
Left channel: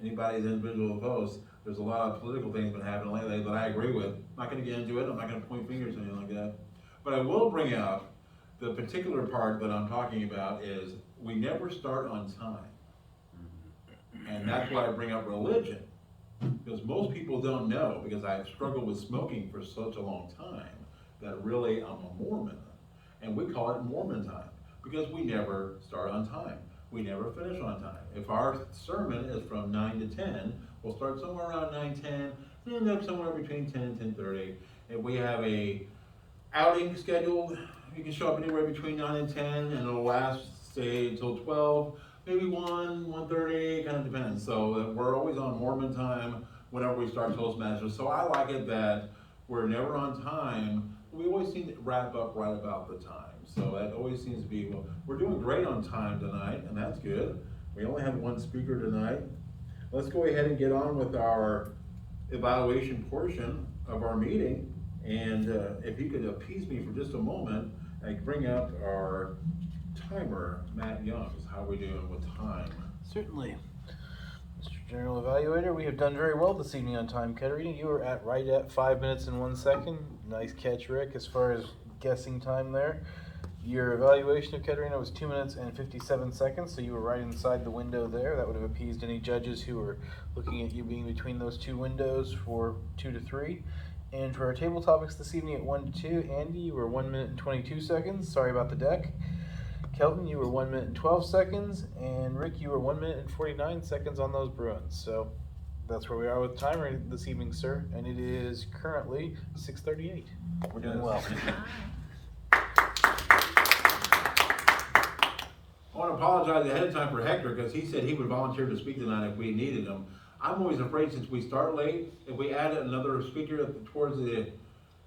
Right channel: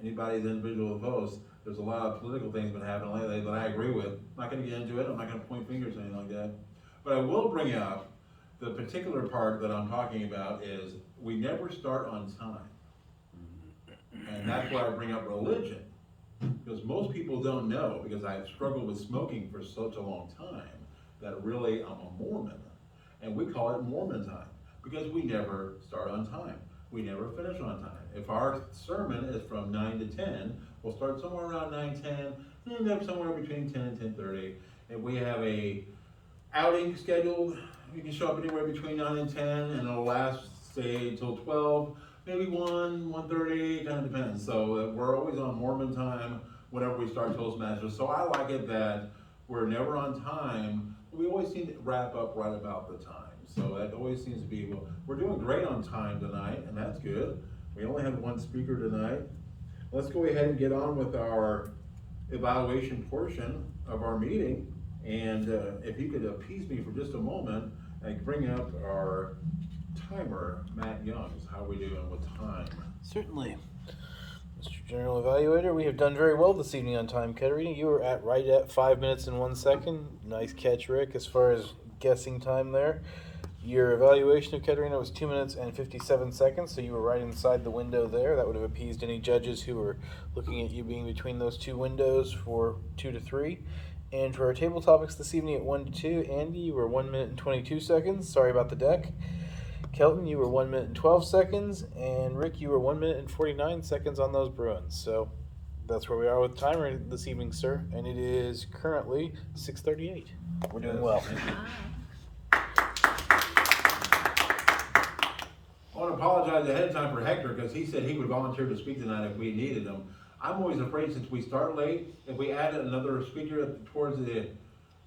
anybody's individual posts, there's a lot of political things been happening lately that I agree with. I'm not gonna get into it, I'm not gonna point fingers or anything like that. But I will bring up the particular part that I'm talking about is we never start on time. And that's why I bring up religion. Because most people don't know, because I've struggled with smoking for such a long time, that really I'm a Mormon. And we call it Mormon time, because we never start on time. We never finish on time. If our sermon is from 9 to 10, we'll start somewhere around 9:10, and end up somewhere between 10 and 10:30. If we have a outing scheduled, you can show up anywhere between 9 and 10, and it'll last, say, until 12, maybe 1:30, kind of depends. So we're always on Mormon time whenever we start Toastmasters. So I like it that we're never on time, but we always seem to wrap up right about the time. So that always seems to be, well, we're doing great on time tonight, and that's good. We only have 1 speaker tonight. Let's go ahead and get on with our evaluation portion of our meeting. And if you could appease me for just a moment, and bring up our timer, Matt Youngs. How are we doing with time? Certainly. Mr. General Evaluator, we have done very well this evening on time. Katerina, you were right at 5 minutes and 1 second. Nice catch, Rick, as far as guessing time there. Your evaluation of Katerina was 2 minutes and 57 seconds, so you were right inside the window there. That would have appeased any judges who were looking at you being between those two windows for 2 to 3. And for our table topics this evening at 1 to 2, Andy, you were 1 minute and 22 seconds. Sorry about the deck. Kelton, you were 1 minute and 12 seconds, and Rick, you were 1 minute and 49 seconds on those Bruins. So that's where we are with timer this evening, sir. And it is currently 6:38. We're doing well. I want to apologize ahead of time for Hector, because he said he would volunteer to speak tonight if we needed him. I'm always afraid, since we start late, if we add another speaker towards the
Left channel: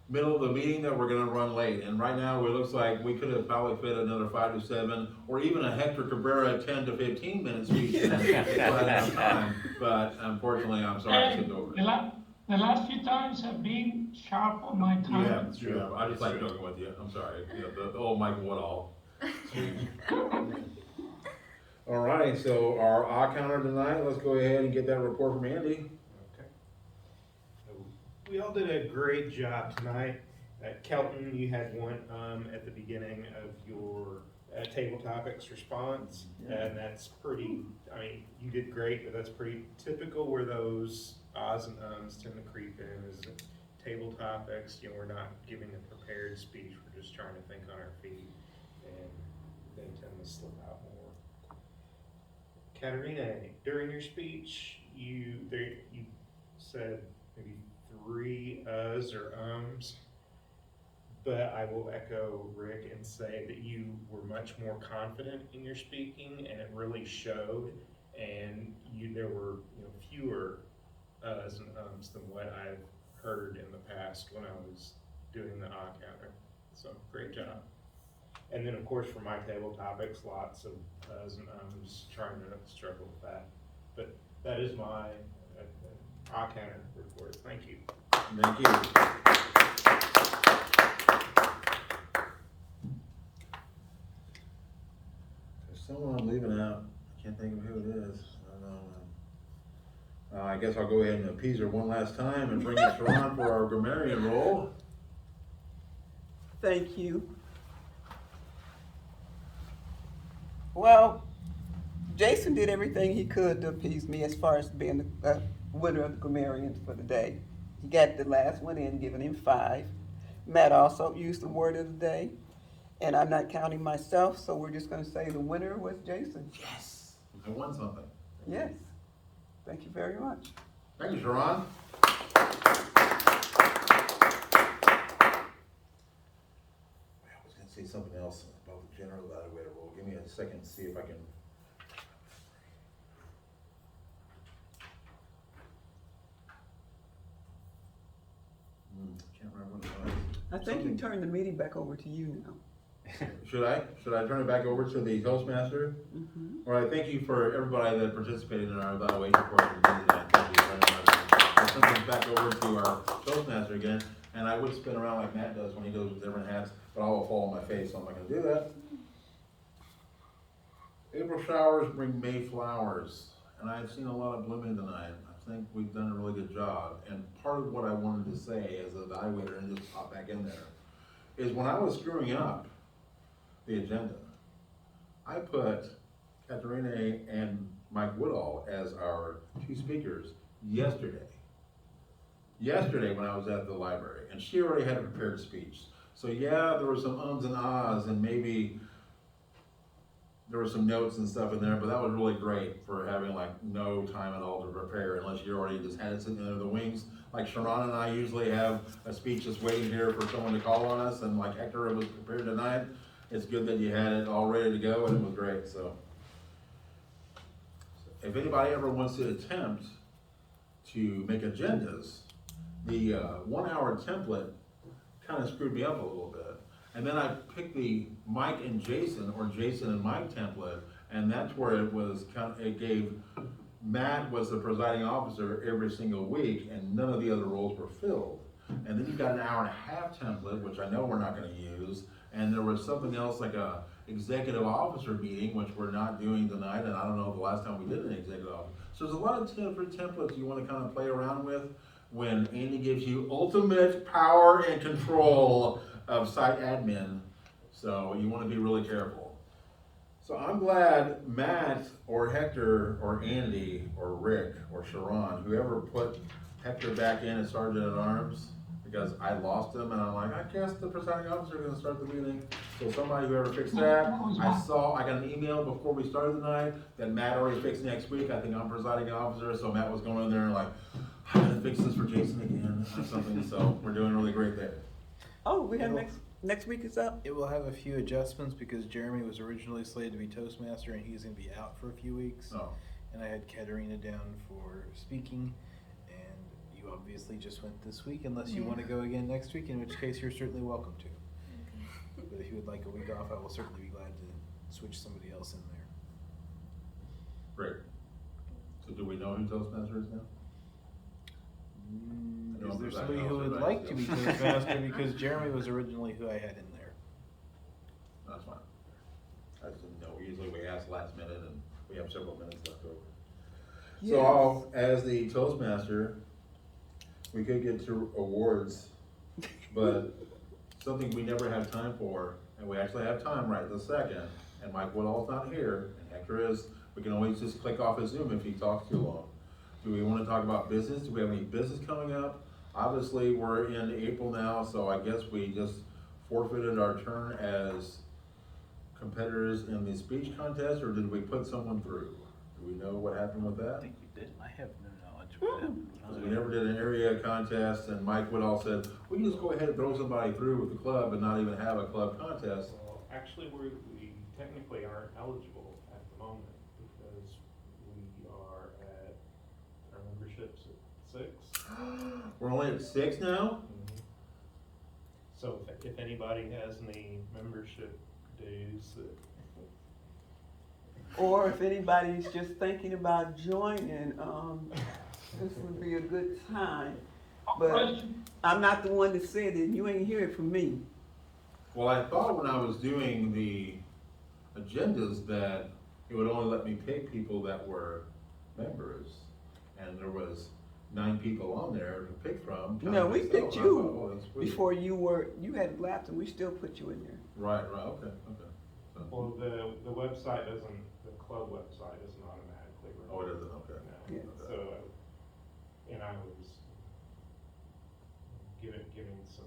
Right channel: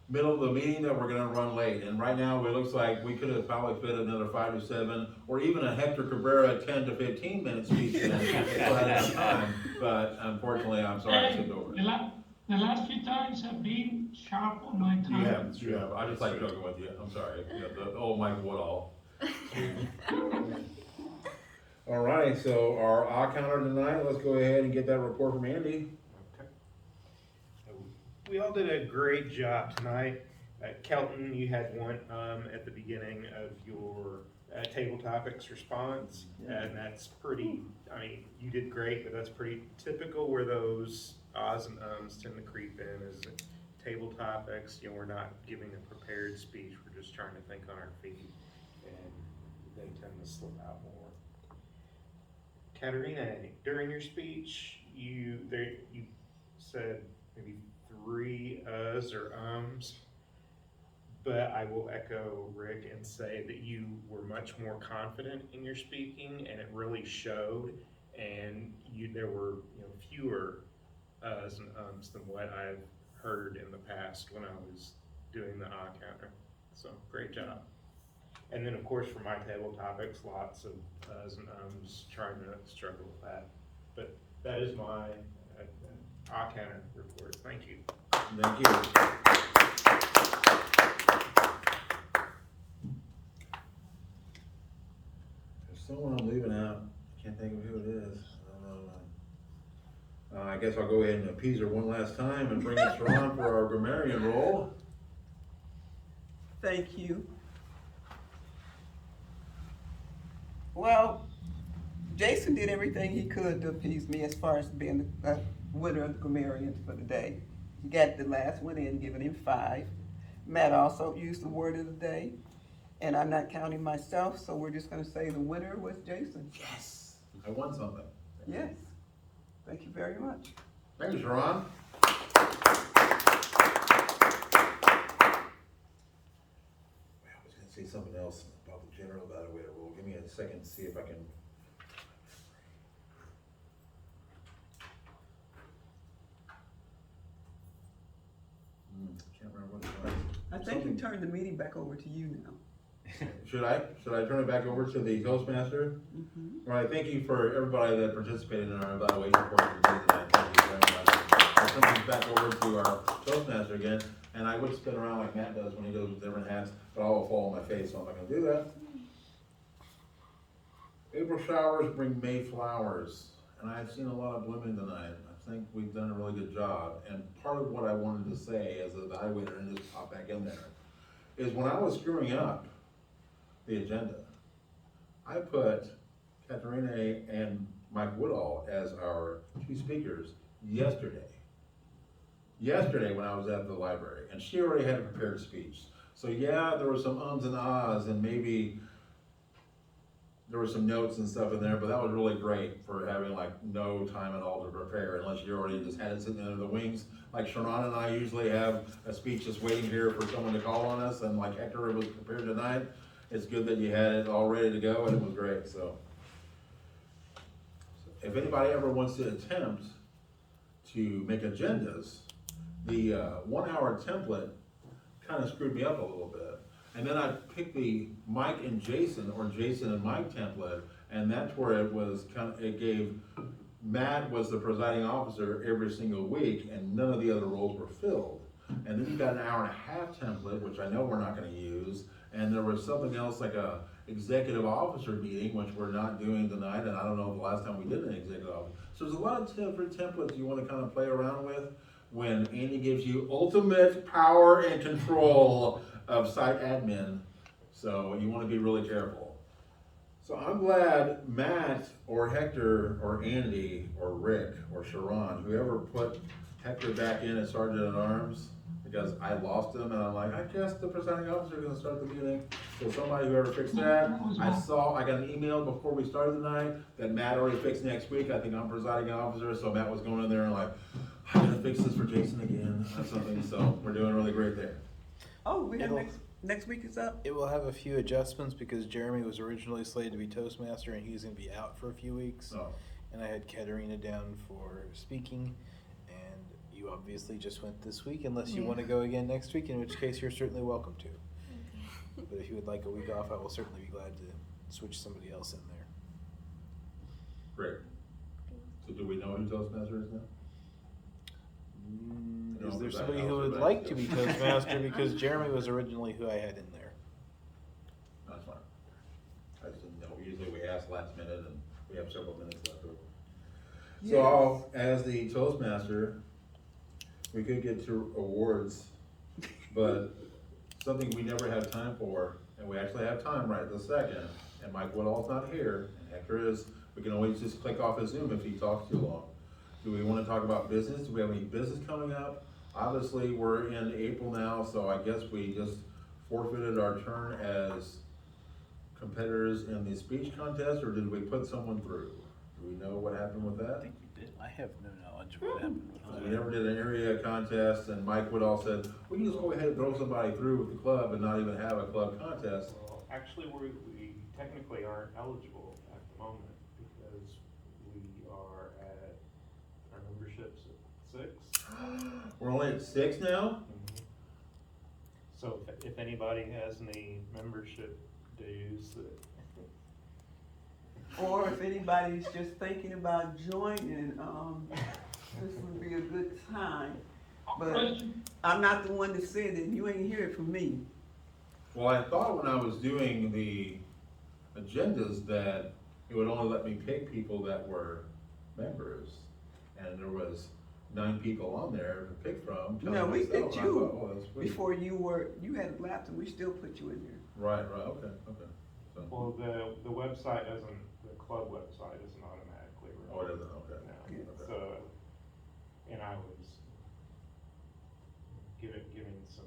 middle of the meeting, that we're gonna run late. And right now, it looks like we could have probably fit another 5 to 7, or even a Hector Cabrera 10 to 15 minute speech in, if we had enough time. But unfortunately, I'm sorry I skipped over it. The last few times have been sharp on my time. You have. I just like joking with you. I'm sorry. You know, the old Mike Woodall speech. All right, so our eye counter tonight, let's go ahead and get that report from Andy. We all did a great job tonight. Kelton, you had one at the beginning of your table topics response, and that's pretty, I mean, you did great, but that's pretty typical where those ahs and ums tend to creep in as table topics. You know, we're not giving a prepared speech, we're just trying to think on our feet, and they tend to slip out more. Katerina, during your speech, you said maybe 3 uhs or ums, but I will echo Rick and say that you were much more confident in your speaking, and it really showed. And there were fewer uhs and ums than what I've heard in the past when I was doing the ah counter. So great job. And then of course for my table topics, lots of uhs and ums, trying to struggle with that. But that is my ah counter report. Thank you. Thank you. There's someone I'm leaving out. I can't think of who it is. I don't know. I guess I'll go ahead and appease her one last time and bring in Sharon for our grammarian role. Thank you. Well, Jason did everything he could to appease me as far as being the winner of the grammarians for the day. He got the last one in, giving him 5. Matt also used the word of the day, and I'm not counting myself, so we're just gonna say the winner was Jason. Yes, I won something. Yes, thank you very much. Thank you, Sharon. I was gonna say something else about the general evaluator role. Give me a second to see if I can. Can't remember what it was. I think we turned the meeting back over to you now. Should I turn it back over to the Toastmaster? Mm-hmm. All right, thank you for everybody that participated in our evaluation portion of the day tonight. Thank you very much. I'll turn things back over to our Toastmaster again, and I would spin around like Matt does when he goes with different hats, but I will fall on my face, so I'm not gonna do that. April showers bring May flowers, and I've seen a lot of blooming tonight. I think we've done a really good job, and part of what I wanted to say as an evaluator, and just pop back in there, is when I was screwing up the agenda, I put Katerina and Mike Woodall as our 2 speakers yesterday when I was at the library, and she already had a prepared speech. So yeah, there were some ums and ahs, and maybe there were some notes and stuff in there, but that was really great for having like no time at all to prepare, unless you already just had it sitting under the wings. Like Sharon and I usually have a speech just waiting here for someone to call on us, and like Hector was prepared tonight. It's good that you had it all ready to go, and it was great. So if anybody ever wants to attempt to make agendas, the 1 hour template kind of screwed me up a little bit. And then I picked the Mike and Jason, or Jason and Mike template, and that's where it was it gave Matt was the presiding officer every single week, and none of the other roles were filled. And then you got an hour and a half template, which I know we're not gonna use, and there was something else like a executive officer meeting, which we're not doing tonight, and I don't know the last time we did an executive officer. So there's a lot of different templates you wanna kind of play around with when Andy gives you ultimate power and control of site admin. So you wanna be really careful. So I'm glad Matt or Hector or Andy or Rick or Sharon, whoever put Hector back in as Sergeant at Arms, because I lost him and I'm like, I guess the presiding officer is gonna start the meeting. So somebody, whoever fixed that, I got an email before we started tonight that Matt already fixed next week. I think I'm presiding officer, so Matt was going in there and like, I gotta fix this for Jason again or something, so we're doing really great there. Oh, we have next week is up? It will have a few adjustments because Jeremy was originally slated to be Toastmaster and he's gonna be out for a few weeks. Oh. And I had Katerina down for speaking, and you obviously just went this week unless you wanna go again next week, in which case you're certainly welcome to. But if you would like a week off, I will certainly be glad to switch somebody else in there. Great. So do we know who Toastmaster is now? I know Is there I'm somebody presiding who would officer, like but to be Toastmaster, because Jeremy was originally who I had in there. That's fine. I just didn't know, usually we ask last minute and we have several minutes left over. So I'll, as the Toastmaster, we could get to awards, but something we never had time for, and we actually have time right this second, and Mike Woodall's not here, and Hector is, we can always just click off his Zoom if he talks too long. Do we wanna talk about business? Do we have any business coming up? Obviously, we're in April now, so I guess we just forfeited our turn as competitors in the speech contest, or did we put someone through? Do we know what happened with I that? think we did. I have no knowledge of what happened. Because we never did an area contest, and Mike Woodall said, we can just go ahead and throw somebody through with the club and not even have a club contest. Well, actually, we technically aren't eligible at the moment because we are at, our membership's at 6. We're only at 6 now? So if anybody has any membership dues that. Or if anybody's just thinking about joining, this would be a good time. But Question? I'm not the one that said it, you ain't hear it from me. Well, I thought when I was doing the agendas that it would only let me pick people that were members. And there was 9 people on there to pick from. counting No, we myself, picked and I you thought, well, that's sweet. before you had left and we still put you in there. Right, okay. So, Well, the website doesn't, the club website doesn't automatically. oh, it isn't, okay. No, Yeah. Okay. so, and I was giving some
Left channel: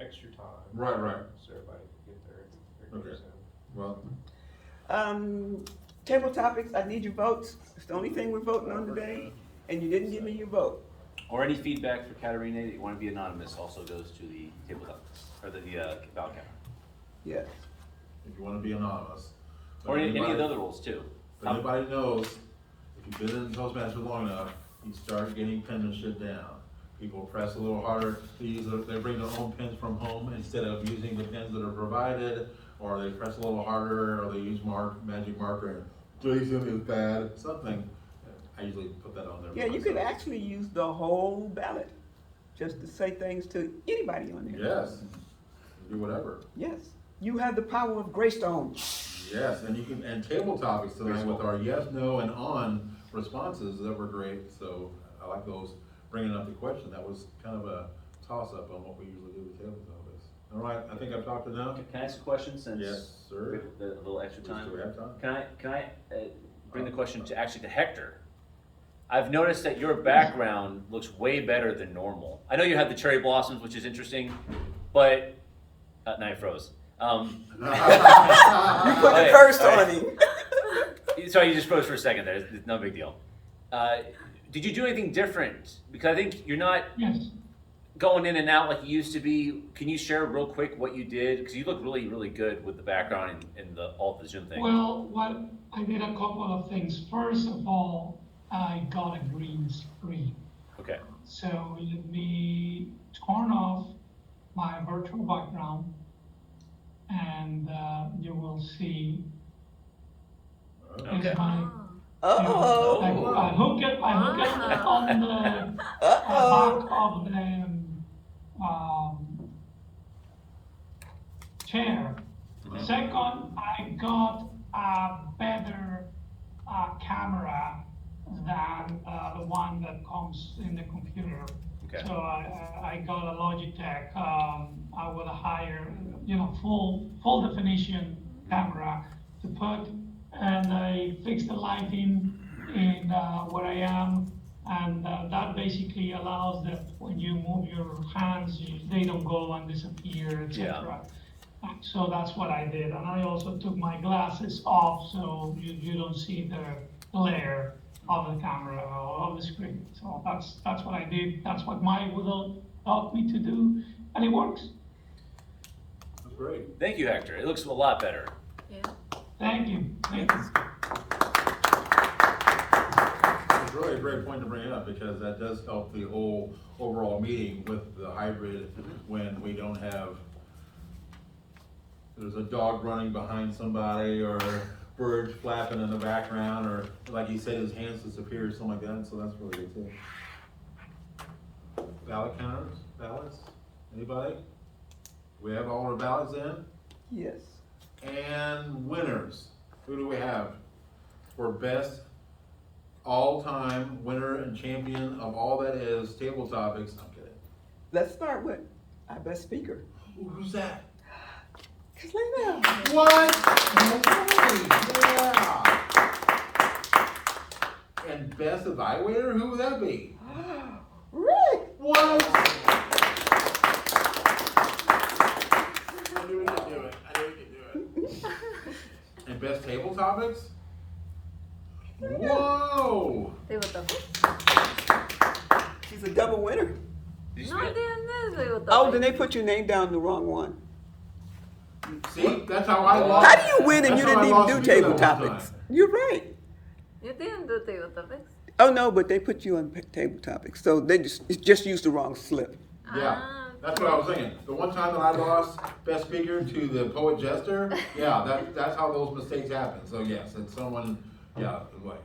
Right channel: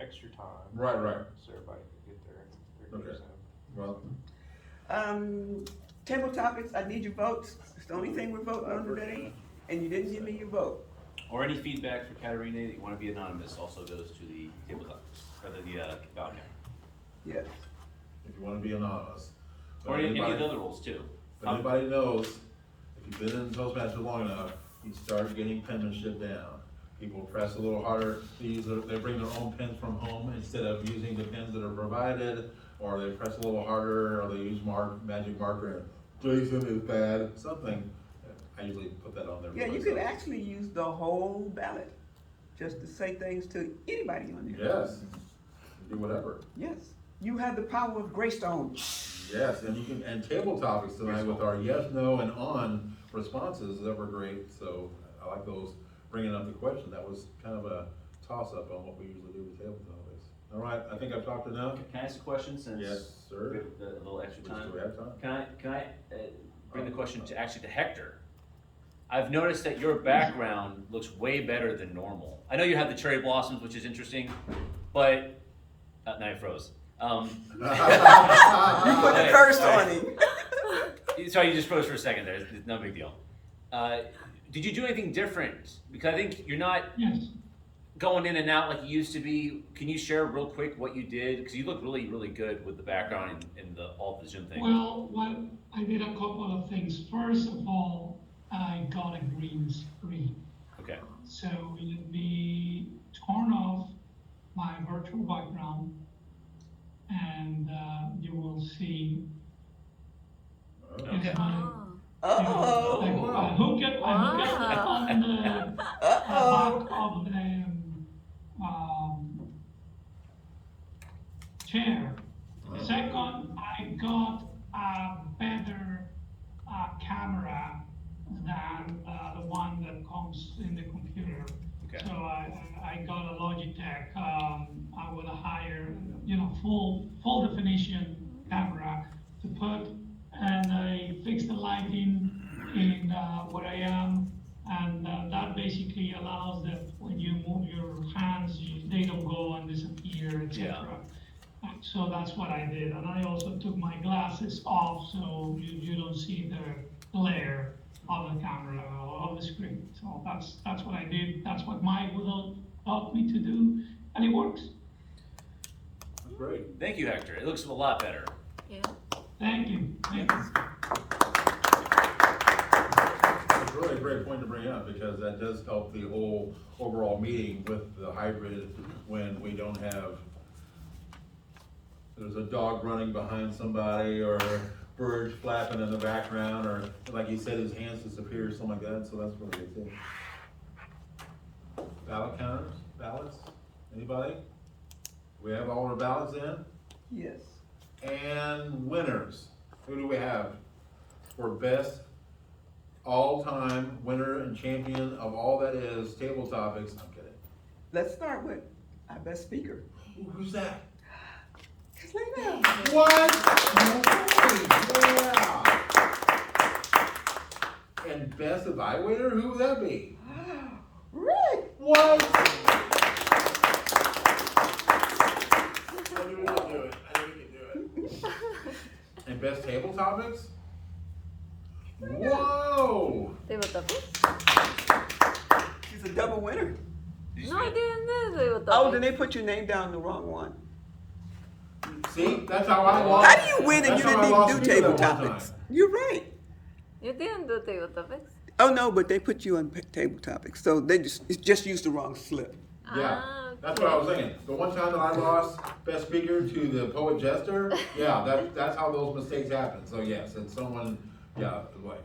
extra time. Right. So everybody could get their Okay. dues in. Well, Table topics, I need your votes. It's the only thing we're voting on today, and you didn't give me your vote. Or any feedback for Katerina that you wanna be anonymous also goes to the tabletop, or the ballot count. Yes. if you wanna be anonymous. But Or any of anybody- the other rules too. But anybody knows, if you've been in Toastmasters long enough, you start getting penmanship down. People press a little harder, they bring their own pens from home instead of using the pens that are provided, or they press a little harder, or they use magic marker and Jason is bad, something. I usually put that on there for Yeah, you myself. could actually use the whole ballot, just to say things to anybody on there. Yes, do whatever. Yes, you have the power of Greystone. Yes, and you can, and table topics tonight with our yes, no, and on responses that were great, so I like those, bringing up the question, that was kind of a toss-up on what we usually do with table topics. All right, I think I've talked enough. Can I ask a question since? Yes, sir. The little extra Please, time? do we have time? Can I bring the question to, actually to Hector? I've noticed that your background looks way better than normal. I know you had the cherry blossoms, which is interesting, but, now you froze. You put Alright, the curse on alright. him. Sorry, you just froze for a second there, it's no big deal. Did you do anything different? Because I think you're not Yes. going in and out like you used to be. Can you share real quick what you did? Because you look really, really good with the background and all the Zoom things. Well, what I did a couple of things. First of all, I got a green screen. Okay. So let me turn off my virtual background and you will see Okay. is my Oh. I hook it on the Uh-oh. back of the chair. Second, I got a better camera than the one that comes in the computer. Okay. So I got a Logitech, I would hire, full definition camera to put, and I fixed the lighting in where I am, and that basically allows that when you move your hands, they don't go and disappear, etc. So that's what I did, and I also took my glasses off so you don't see the glare of the camera or of the screen. So that's what I did. That's what my Widow taught me to do, and it works. That's great. Thank you, Hector. It looks a lot better. Yeah. Thank you. Thank you. It's really a great point to bring up because that does help the whole overall meeting with the hybrid when we don't have, there's a dog running behind somebody or birds flapping in the background, or like he said, his hands disappear, something like that, so that's really good too. Ballot counters, ballots, anybody? We have all our ballots in? Yes. And winners, who do we have for best all-time winner and champion of all that is table topics? I'm kidding. Let's start with our best speaker. Ooh, who's that? Selena. What? No way, yeah. And best evaluator, who would that be? Rick. What? I knew we could do it, I knew we could do it. And best table topics? Whoa! Table topics? She's a double winner. No, I didn't do table topics. Oh, then they put your name down the wrong one. See, that's how I lost. How do you win and That's you how I didn't lost even do to you table that one topics? time. You're right. You didn't do table topics? Oh, no, but they put you on table topics, so they just used the wrong slip. Yeah, that's what I was saying. The one time that I lost best speaker to the poet jester, yeah, that's how those mistakes happen. So yes, it's someone, yeah, like,